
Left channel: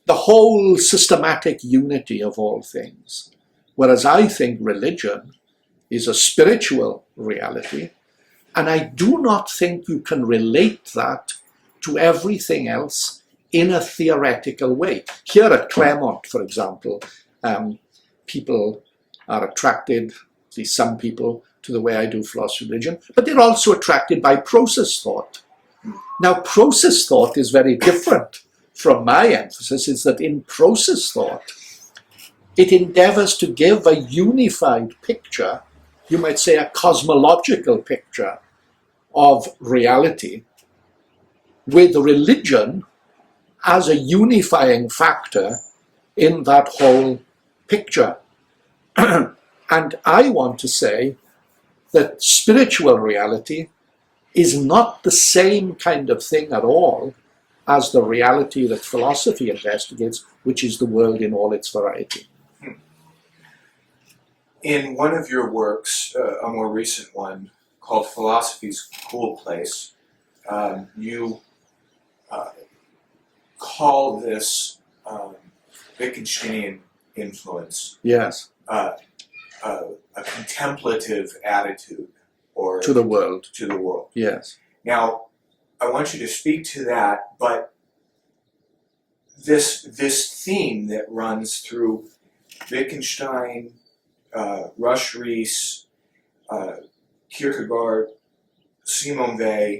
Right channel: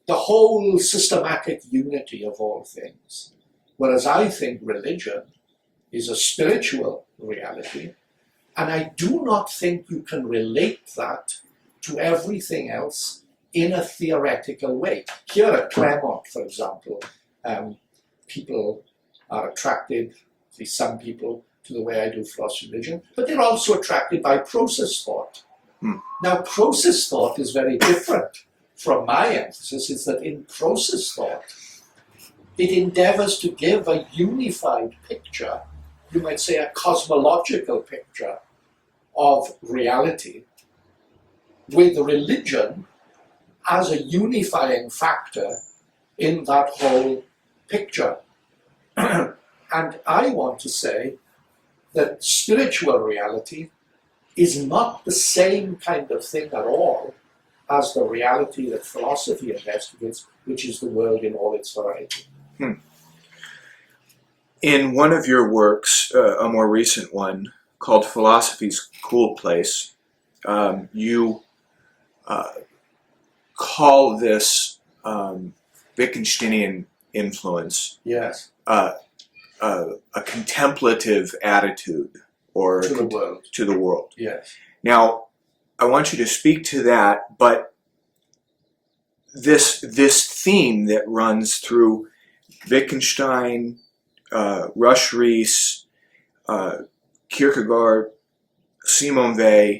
the whole systematic unity of all things. Whereas I think religion is a spiritual reality, and I do not think you can relate that to everything else in a theoretical way. Here at Claremont, for example, people are attracted, at least some people, to the way I do philosophy of religion, but they're also attracted by process thought. Now, process thought is very different from my emphasis, is that in process thought, it endeavors to give a unified picture, you might say a cosmological picture of reality, with religion as a unifying factor in that whole picture. And I want to say that spiritual reality is not the same kind of thing at all as the reality that philosophy investigates, which is the world in all its variety. In one of your works, a more recent one, called Philosophy's Cool Place, you call this Wittgensteinian influence Yes, a contemplative attitude, or to the world. to the world. Yes. Now, I want you to speak to that, but this theme that runs through Wittgenstein, Rush Rees, Kierkegaard, Simone Weil,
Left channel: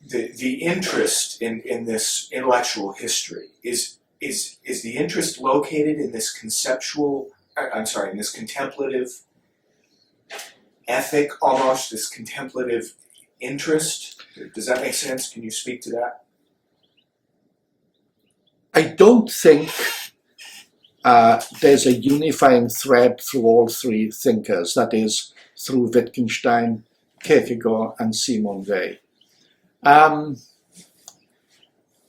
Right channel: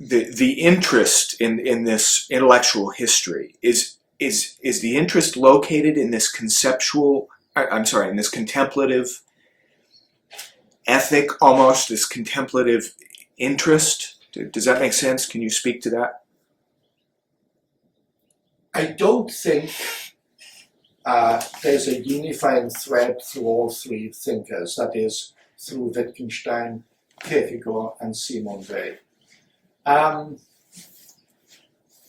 the interest in this intellectual history is the interest located in this in this contemplative ethic, almost, this contemplative interest? Does that make sense? Can you speak to that? I don't think there's a unifying thread through all three thinkers, that is, through Wittgenstein, Kierkegaard, and Simone Weil.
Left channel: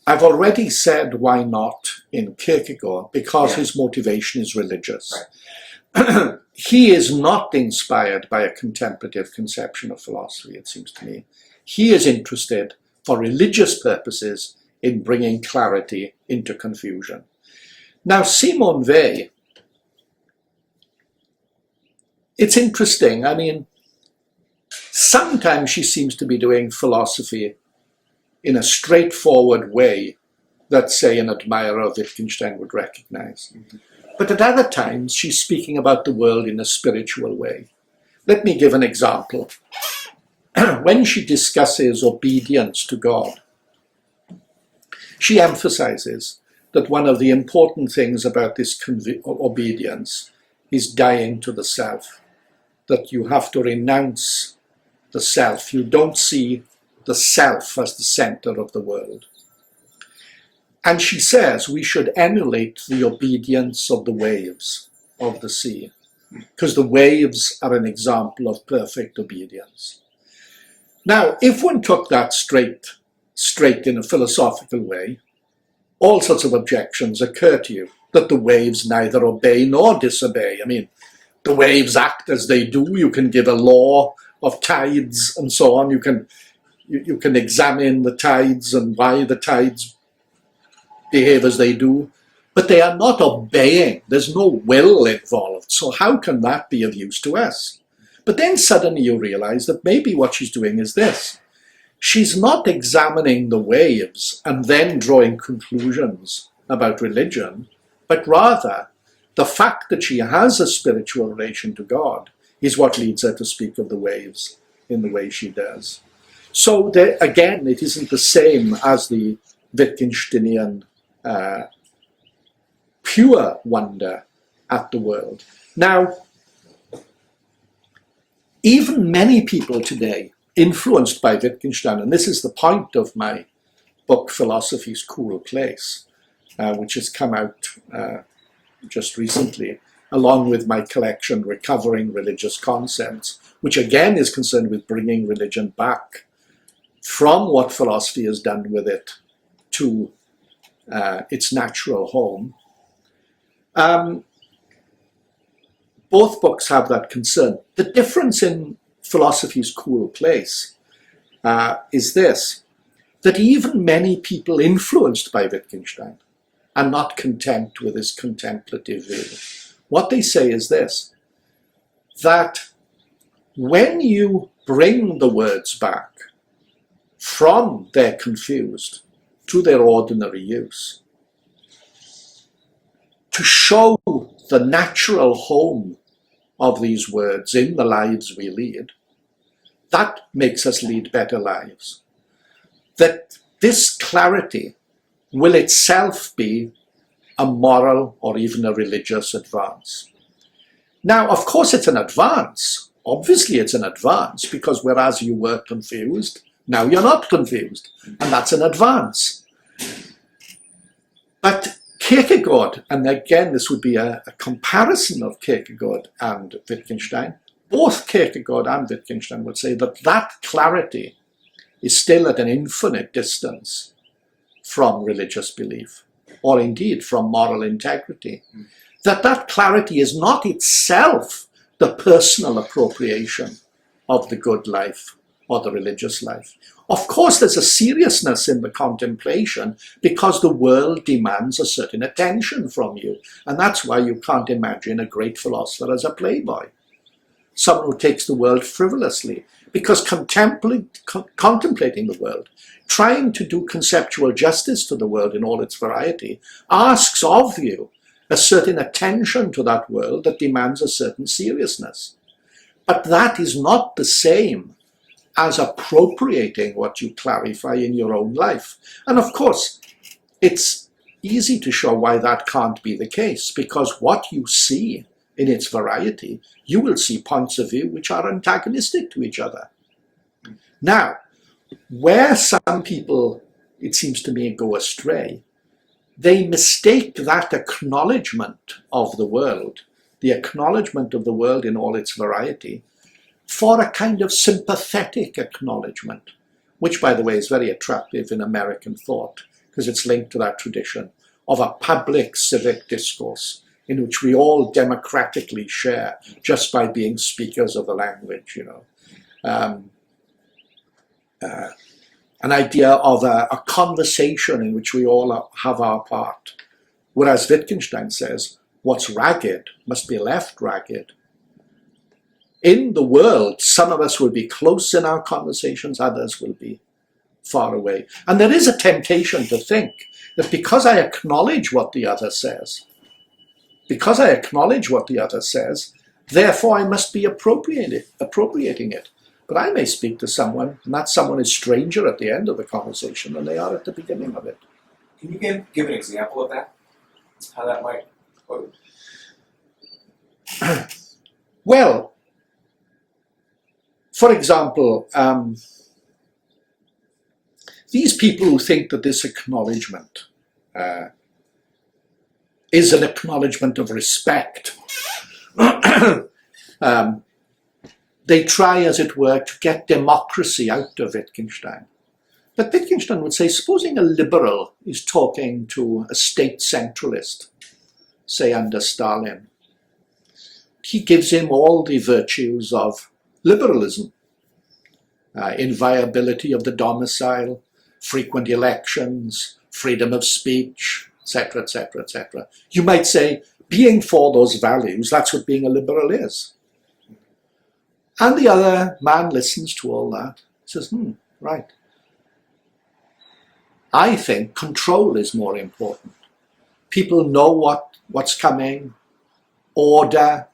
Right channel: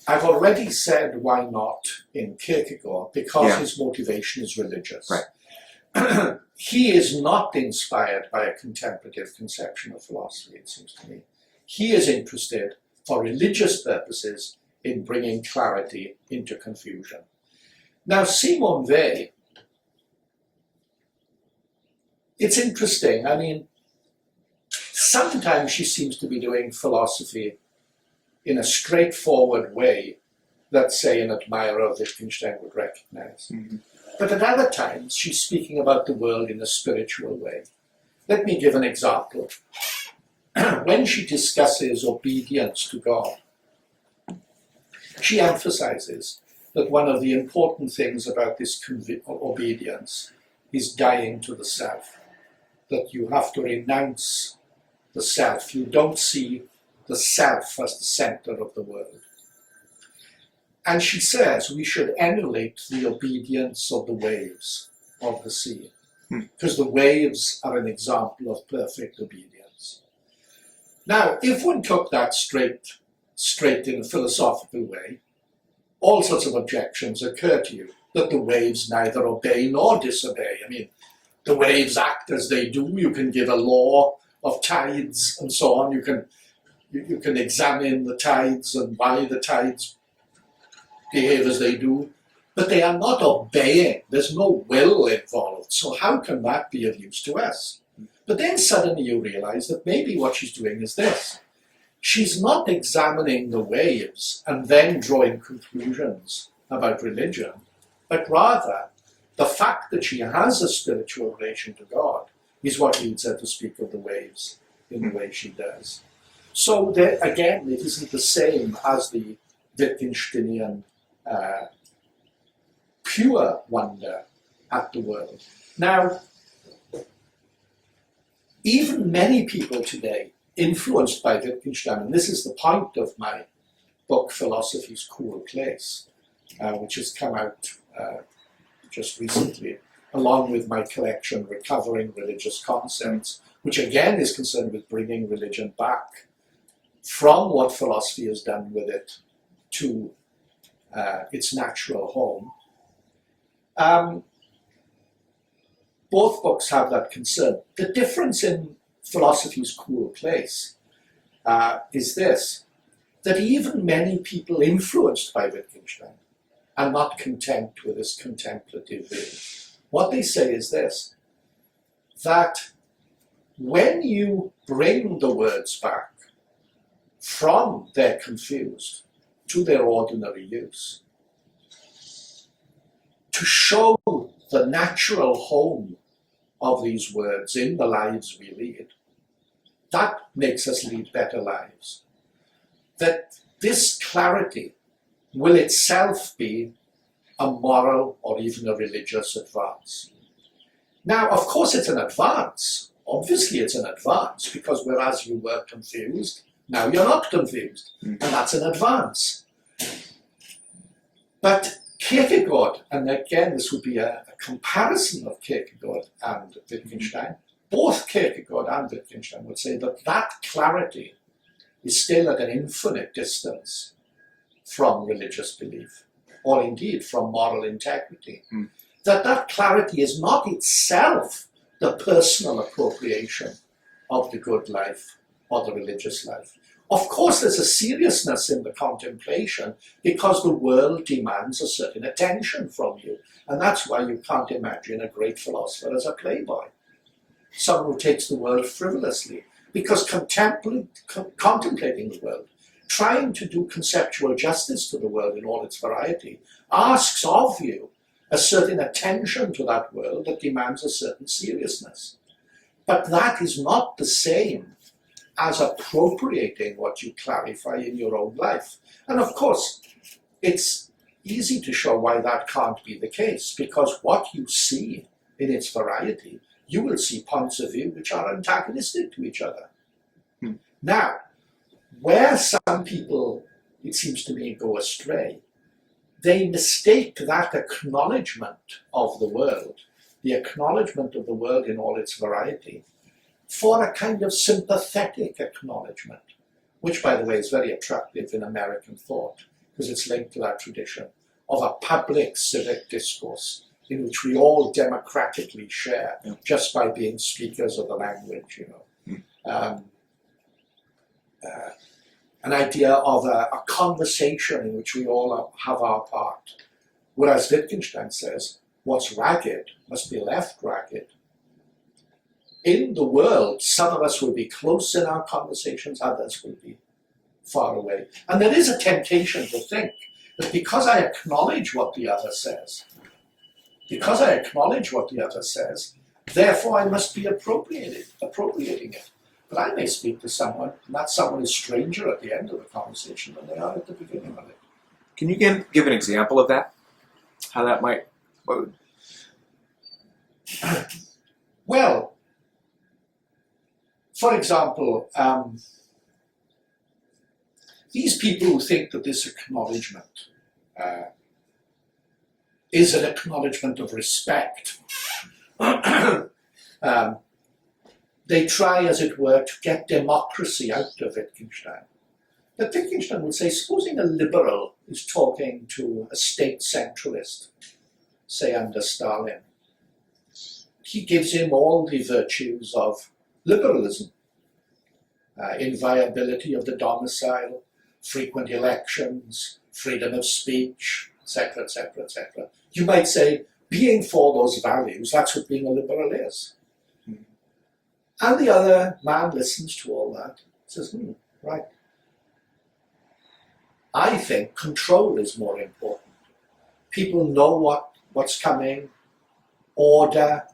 I've already said why not in Kierkegaard, because his motivation is religious. Right. He is not inspired by a contemplative conception of philosophy, it seems to me. He is interested, for religious purposes, in bringing clarity into confusion. Now, Simone Weil, it's interesting. I mean, sometimes she seems to be doing philosophy in a straightforward way that, say, an admirer of Wittgenstein would recognize. Mm-hmm. But at other times, she's speaking about the world in a spiritual way. Let me give an example. When she discusses obedience to God, she emphasizes that one of the important things about this obedience is dying to the self, that you have to renounce the self. You don't see the self as the center of the world. And she says we should emulate the obedience of the waves of the sea, because the waves are an example of perfect obedience. Now, if one took that straight in a philosophical way, all sorts of objections occur to you, that the waves neither obey nor disobey. I mean, the waves act as they do. You can give a law of tides and so on. You can examine the tides and why the tides behave as they do, but they are not obeying. There's no will involved. So how can that be of use to us? But then suddenly you realize that maybe what she's doing is this. She's not examining the waves and then drawing conclusions about religion, but rather the fact that she has a spiritual relation to God is what leads her to speak of the waves in the way she does. So there, again, it isn't the same as the Wittgensteinian pure wonder at the world. Now, even many people today, influenced by Wittgenstein, and this is the point of my book, Philosophy's Cool Place, which has come out just recently, along with my collection, Recovering Religious Concepts, which again is concerned with bringing religion back from what philosophy has done with it to its natural home. Both books have that concern. The difference in Philosophy's Cool Place is this, that even many people influenced by Wittgenstein are not content with this contemplative view. What they say is this, that when you bring the words back from their confused to their ordinary use, to show the natural home of these words in the lives we lead, that makes us lead better lives. That this clarity will itself be a moral or even a religious advance. Now, of course, it's an advance. Obviously, it's an advance, because whereas you were confused, now you're not confused, and that's an advance. But Kierkegaard, and again, this would be a comparison of Kierkegaard and Wittgenstein, both Kierkegaard and Wittgenstein would say that that clarity is still at an infinite distance from religious belief, or indeed from moral integrity. That clarity is not itself the personal appropriation of the good life or the religious life. Of course, there's a seriousness in the contemplation because the world demands a certain attention from you. And that's why you can't imagine a great philosopher as a playboy, someone who takes the world frivolously, because contemplating the world, trying to do conceptual justice to the world in all its variety, asks of you a certain attention to that world that demands a certain seriousness. But that is not the same as appropriating what you clarify in your own life. And of course, it's easy to show why that can't be the case, because what you see in its variety, you will see points of view which are antagonistic to each other. Now, where some people, it seems to me, go astray, they mistake that acknowledgement of the world, the acknowledgement of the world in all its variety, for a kind of sympathetic acknowledgement, which, by the way, is very attractive in American thought, because it's linked to that tradition of a public civic discourse in which we all democratically share just by being speakers of the language, you know. An idea of a conversation in which we all have our part, Whereas Wittgenstein says, what's ragged must be left ragged. In the world, some of us will be close in our conversations, others will be far away. And there is a temptation to think that because I acknowledge what the other says, therefore I must be appropriating it. But I may speak to someone, and that someone is stranger at the end of the conversation than they are at the beginning of it. Can you give an example of that? How that might... Well, for example, these people who think that this acknowledgement is an acknowledgement of respect, they try, as it were, to get democracy out of Wittgenstein. But Wittgenstein would say, supposing a liberal is talking to a state centralist, say under Stalin, he gives him all the virtues of liberalism, inviolability of the domicile, frequent elections, freedom of speech, etc., etc., etc. You might say, being for those values, that's what being a liberal is. And the other man listens to all that, says, right. I think control is more important. People know what's coming, order,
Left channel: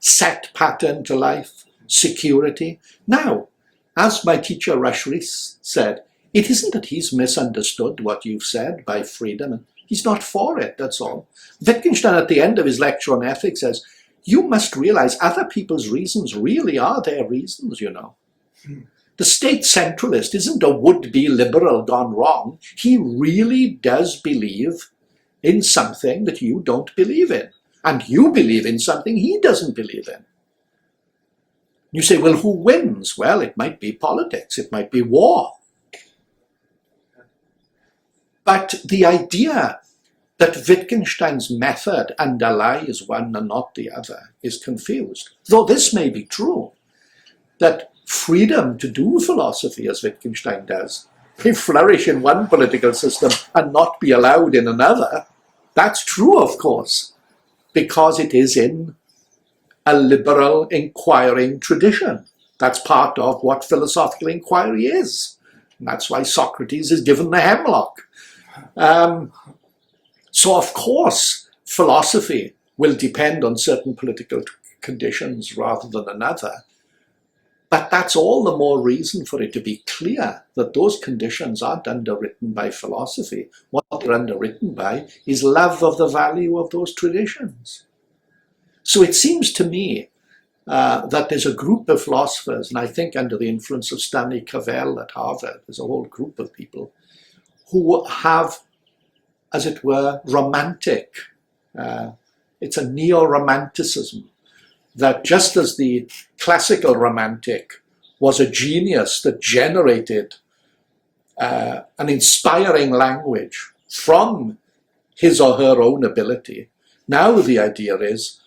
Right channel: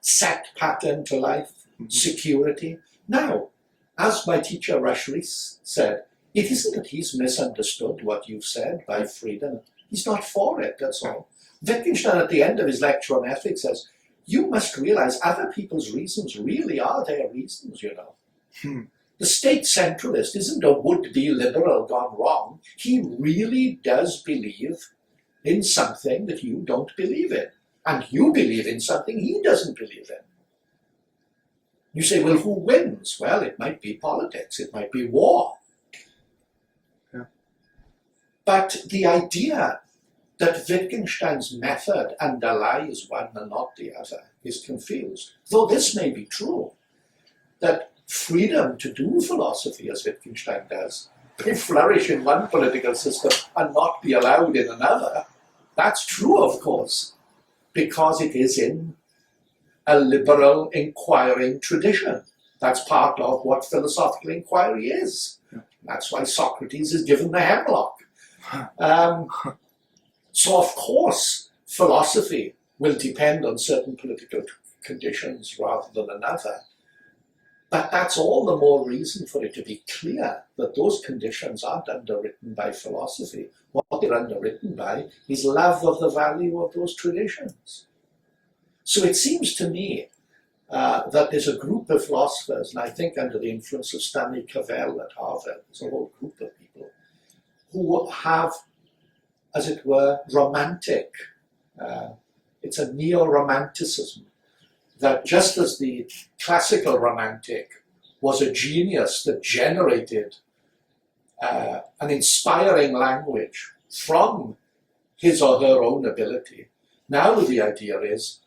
set pattern to life, security. Now, as my teacher Rush Rees said, it isn't that he's misunderstood what you've said by freedom. He's not for it, that's all. Wittgenstein at the end of his lecture on ethics says, you must realize other people's reasons really are their reasons, you know. The state centralist isn't a would-be liberal gone wrong. He really does believe in something that you don't believe in. And you believe in something he doesn't believe in. You say, well, who wins? Well, it might be politics. It might be war. Yeah. But the idea that Wittgenstein's method underlies one and not the other is confused. Though this may be true, that freedom to do philosophy, as Wittgenstein does, may flourish in one political system and not be allowed in another. That's true, of course, because it is in a liberal inquiring tradition. That's part of what philosophical inquiry is. And that's why Socrates is given the hemlock. So, of course, philosophy will depend on certain political conditions rather than another. But that's all the more reason for it to be clear that those conditions aren't underwritten by philosophy. What they're underwritten by is love of the value of those traditions. So it seems to me that there's a group of philosophers, and I think under the influence of Stanley Cavell at Harvard, there's a whole group of people who have, as it were, romantic, it's a neo-romanticism, that just as the classical romantic was a genius that generated an inspiring language from his or her own ability, now the idea is,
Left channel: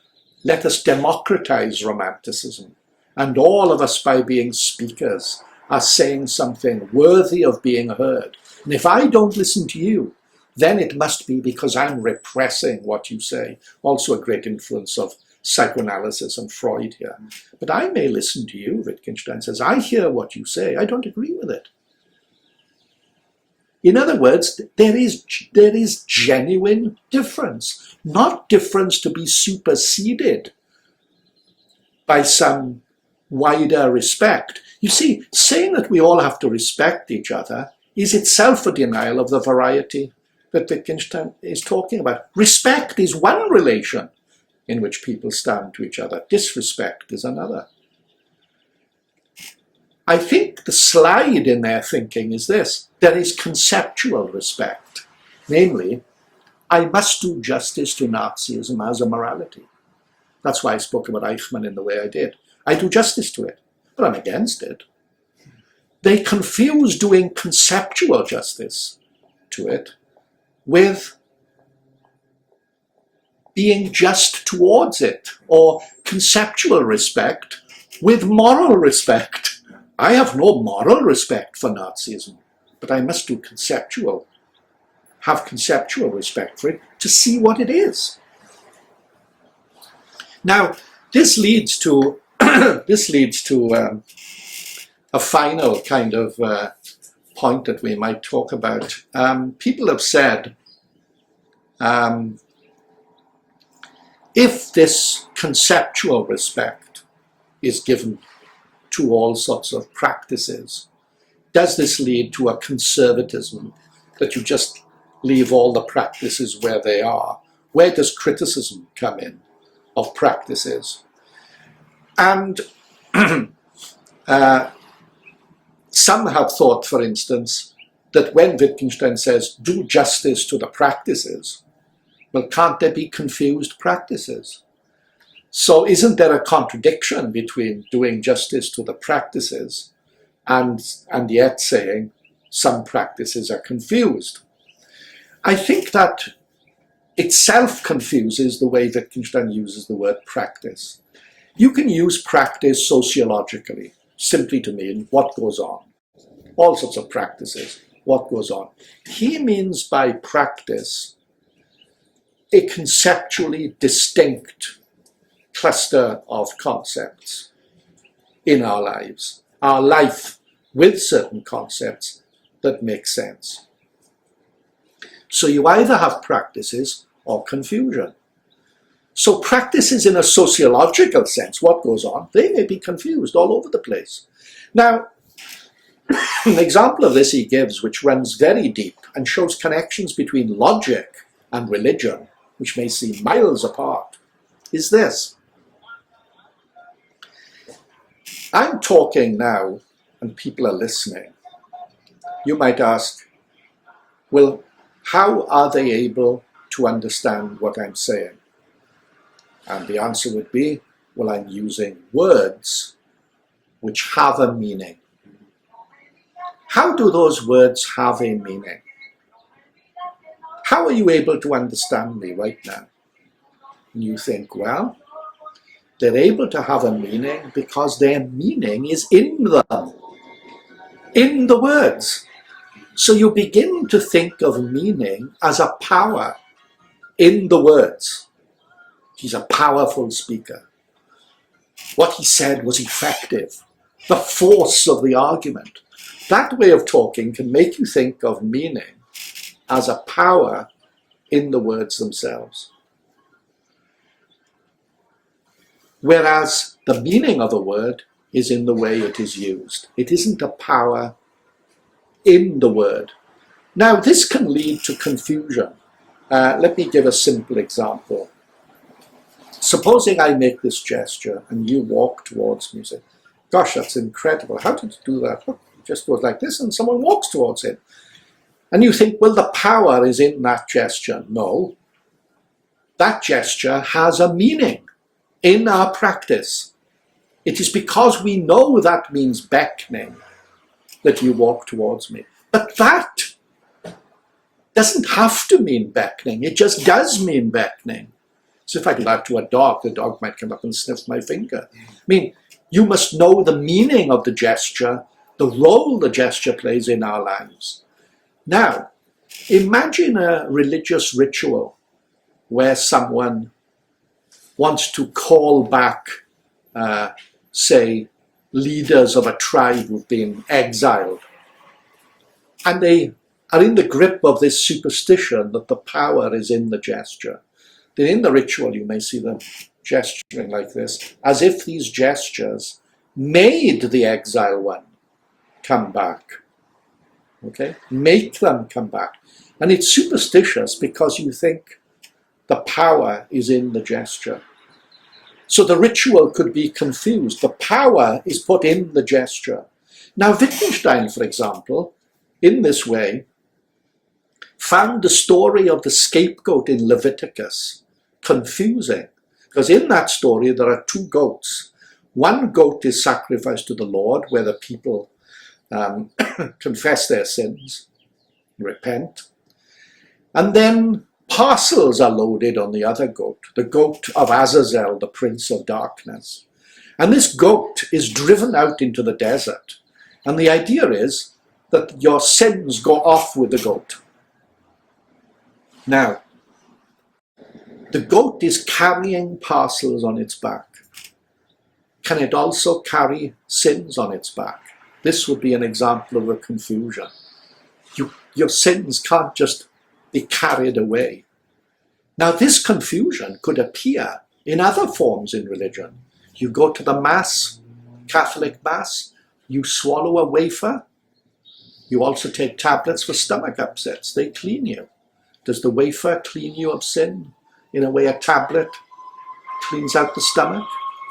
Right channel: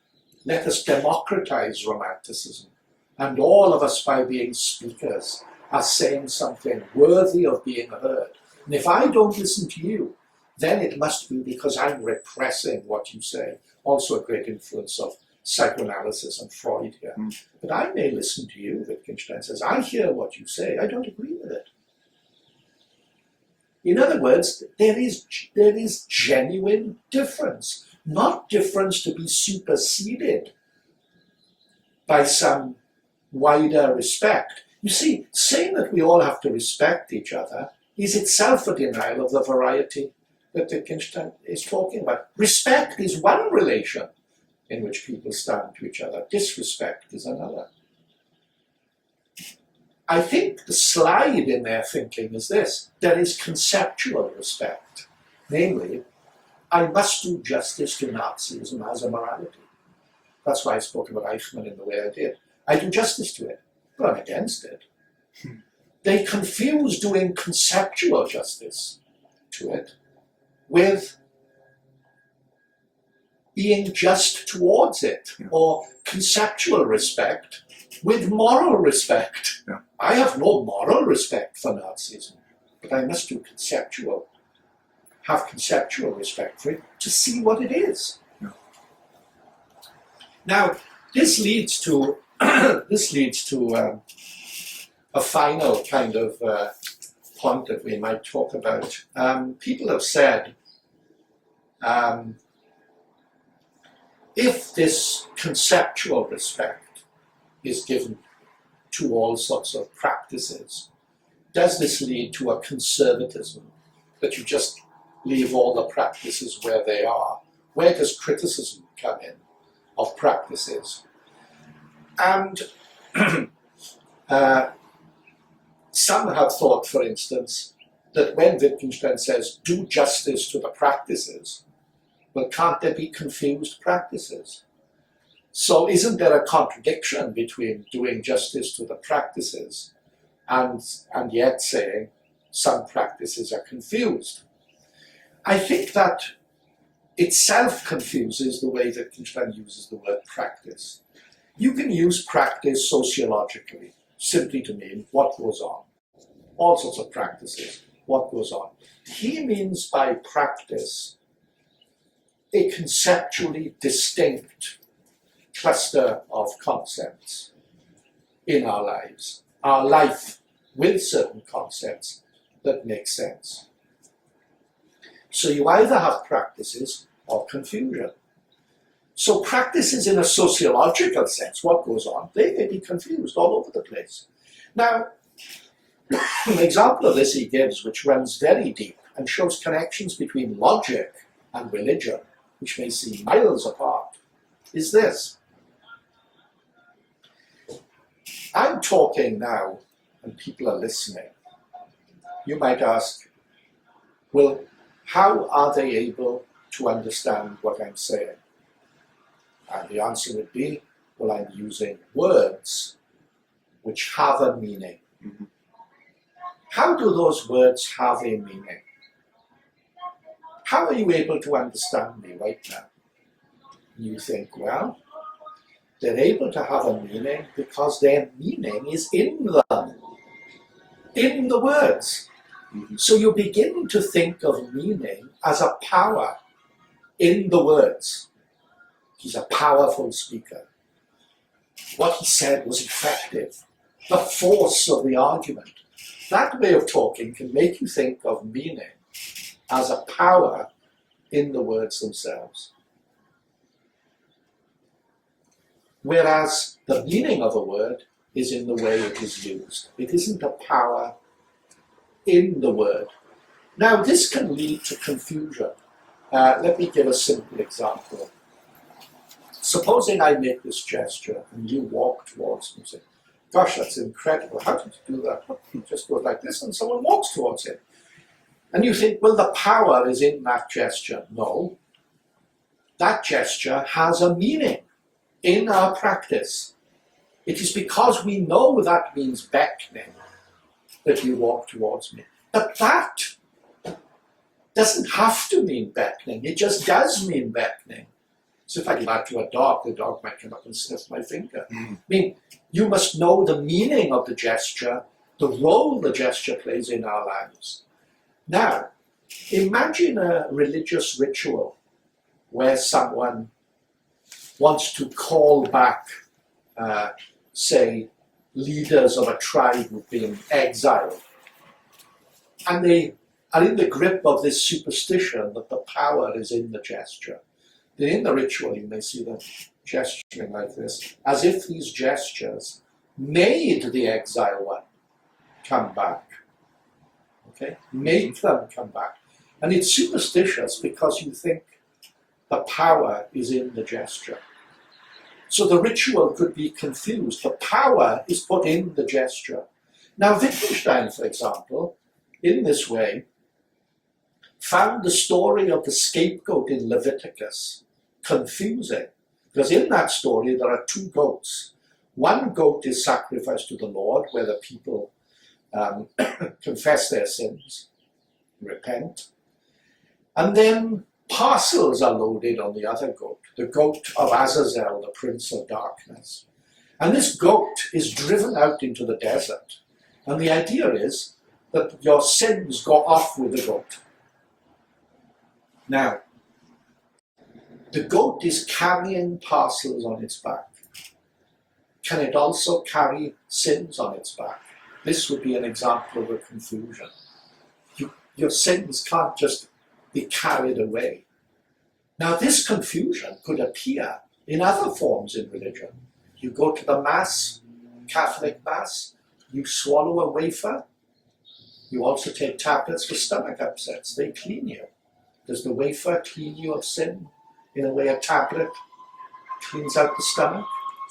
let us democratize romanticism. And all of us, by being speakers, are saying something worthy of being heard. And if I don't listen to you, then it must be because I'm repressing what you say. Also a great influence of psychoanalysis and Freud here. But I may listen to you, Wittgenstein says. I hear what you say. I don't agree with it. In other words, there is genuine difference. Not difference to be superseded by some wider respect. You see, saying that we all have to respect each other is itself a denial of the variety that Wittgenstein is talking about. Respect is one relation in which people stand to each other. Disrespect is another. I think the slide in their thinking is this. There is conceptual respect. Namely, I must do justice to Nazism as a morality. That's why I spoke about Eichmann in the way I did. I do justice to it, but I'm against it. They confuse doing conceptual justice to it with being just towards it, or conceptual respect with moral respect. Yeah. I have no moral respect for Nazism, but I must do conceptual. have conceptual respect for it, to see what it is. Now, this leads to a final kind of point that we might talk about. People have said, if this conceptual respect is given to all sorts of practices, does this lead to a conservatism, that you just leave all the practices where they are? Where does criticism come in of practices? And some have thought, for instance, that when Wittgenstein says, do justice to the practices, well, can't there be confused practices? So isn't there a contradiction between doing justice to the practices and yet saying some practices are confused? I think that itself confuses the way Wittgenstein uses the word practice. You can use practice sociologically simply to mean what goes on. All sorts of practices, what goes on. He means by practice a conceptually distinct cluster of concepts in our lives, our life with certain concepts that make sense. So you either have practices or confusion. So practices in a sociological sense, what goes on, they may be confused all over the place. Now, an example of this he gives, which runs very deep and shows connections between logic and religion, which may seem miles apart, is this. I'm talking now and people are listening. You might ask, well, how are they able to understand what I'm saying? And the answer would be, well, I'm using words which have a meaning. How do those words have a meaning? How are you able to understand me right now? And you think, well, they're able to have a meaning because their meaning is in them, in the words. So you begin to think of meaning as a power in the words. He's a powerful speaker. What he said was effective. The force of the argument. That way of talking can make you think of meaning as a power in the words themselves. Whereas the meaning of a word is in the way it is used. It isn't a power in the word. Now, this can lead to confusion. Let me give a simple example. Supposing I make this gesture and you walk towards me and say, gosh, that's incredible. How did you do that? Look, he just goes like this and someone walks towards him. And you think, well, the power is in that gesture. No. That gesture has a meaning in our practice. It is because we know that means beckoning that you walk towards me. But that doesn't have to mean beckoning. It just does mean beckoning. So if I do that to a dog, the dog might come up and sniff my finger. I mean, you must know the meaning of the gesture, the role the gesture plays in our lives. Now, imagine a religious ritual where someone wants to call back, say, leaders of a tribe who've been exiled. And they are in the grip of this superstition that the power is in the gesture. Then in the ritual you may see them gesturing like this, as if these gestures made the exile one come back. Okay? Make them come back. And it's superstitious because you think the power is in the gesture. So the ritual could be confused. The power is put in the gesture. Now Wittgenstein, for example, in this way, found the story of the scapegoat in Leviticus confusing. Because in that story there are two goats. One goat is sacrificed to the Lord, where the people confess their sins, repent. And then parcels are loaded on the other goat, the goat of Azazel, the prince of darkness. And this goat is driven out into the desert. And the idea is that your sins go off with the goat. Now, the goat is carrying parcels on its back. Can it also carry sins on its back? This would be an example of a confusion. Your sins can't just be carried away. Now, this confusion could appear in other forms in religion. You go to the Mass, Catholic Mass, you swallow a wafer. You also take tablets for stomach upsets. They clean you. Does the wafer clean you of sin in a way a tablet cleans out the stomach?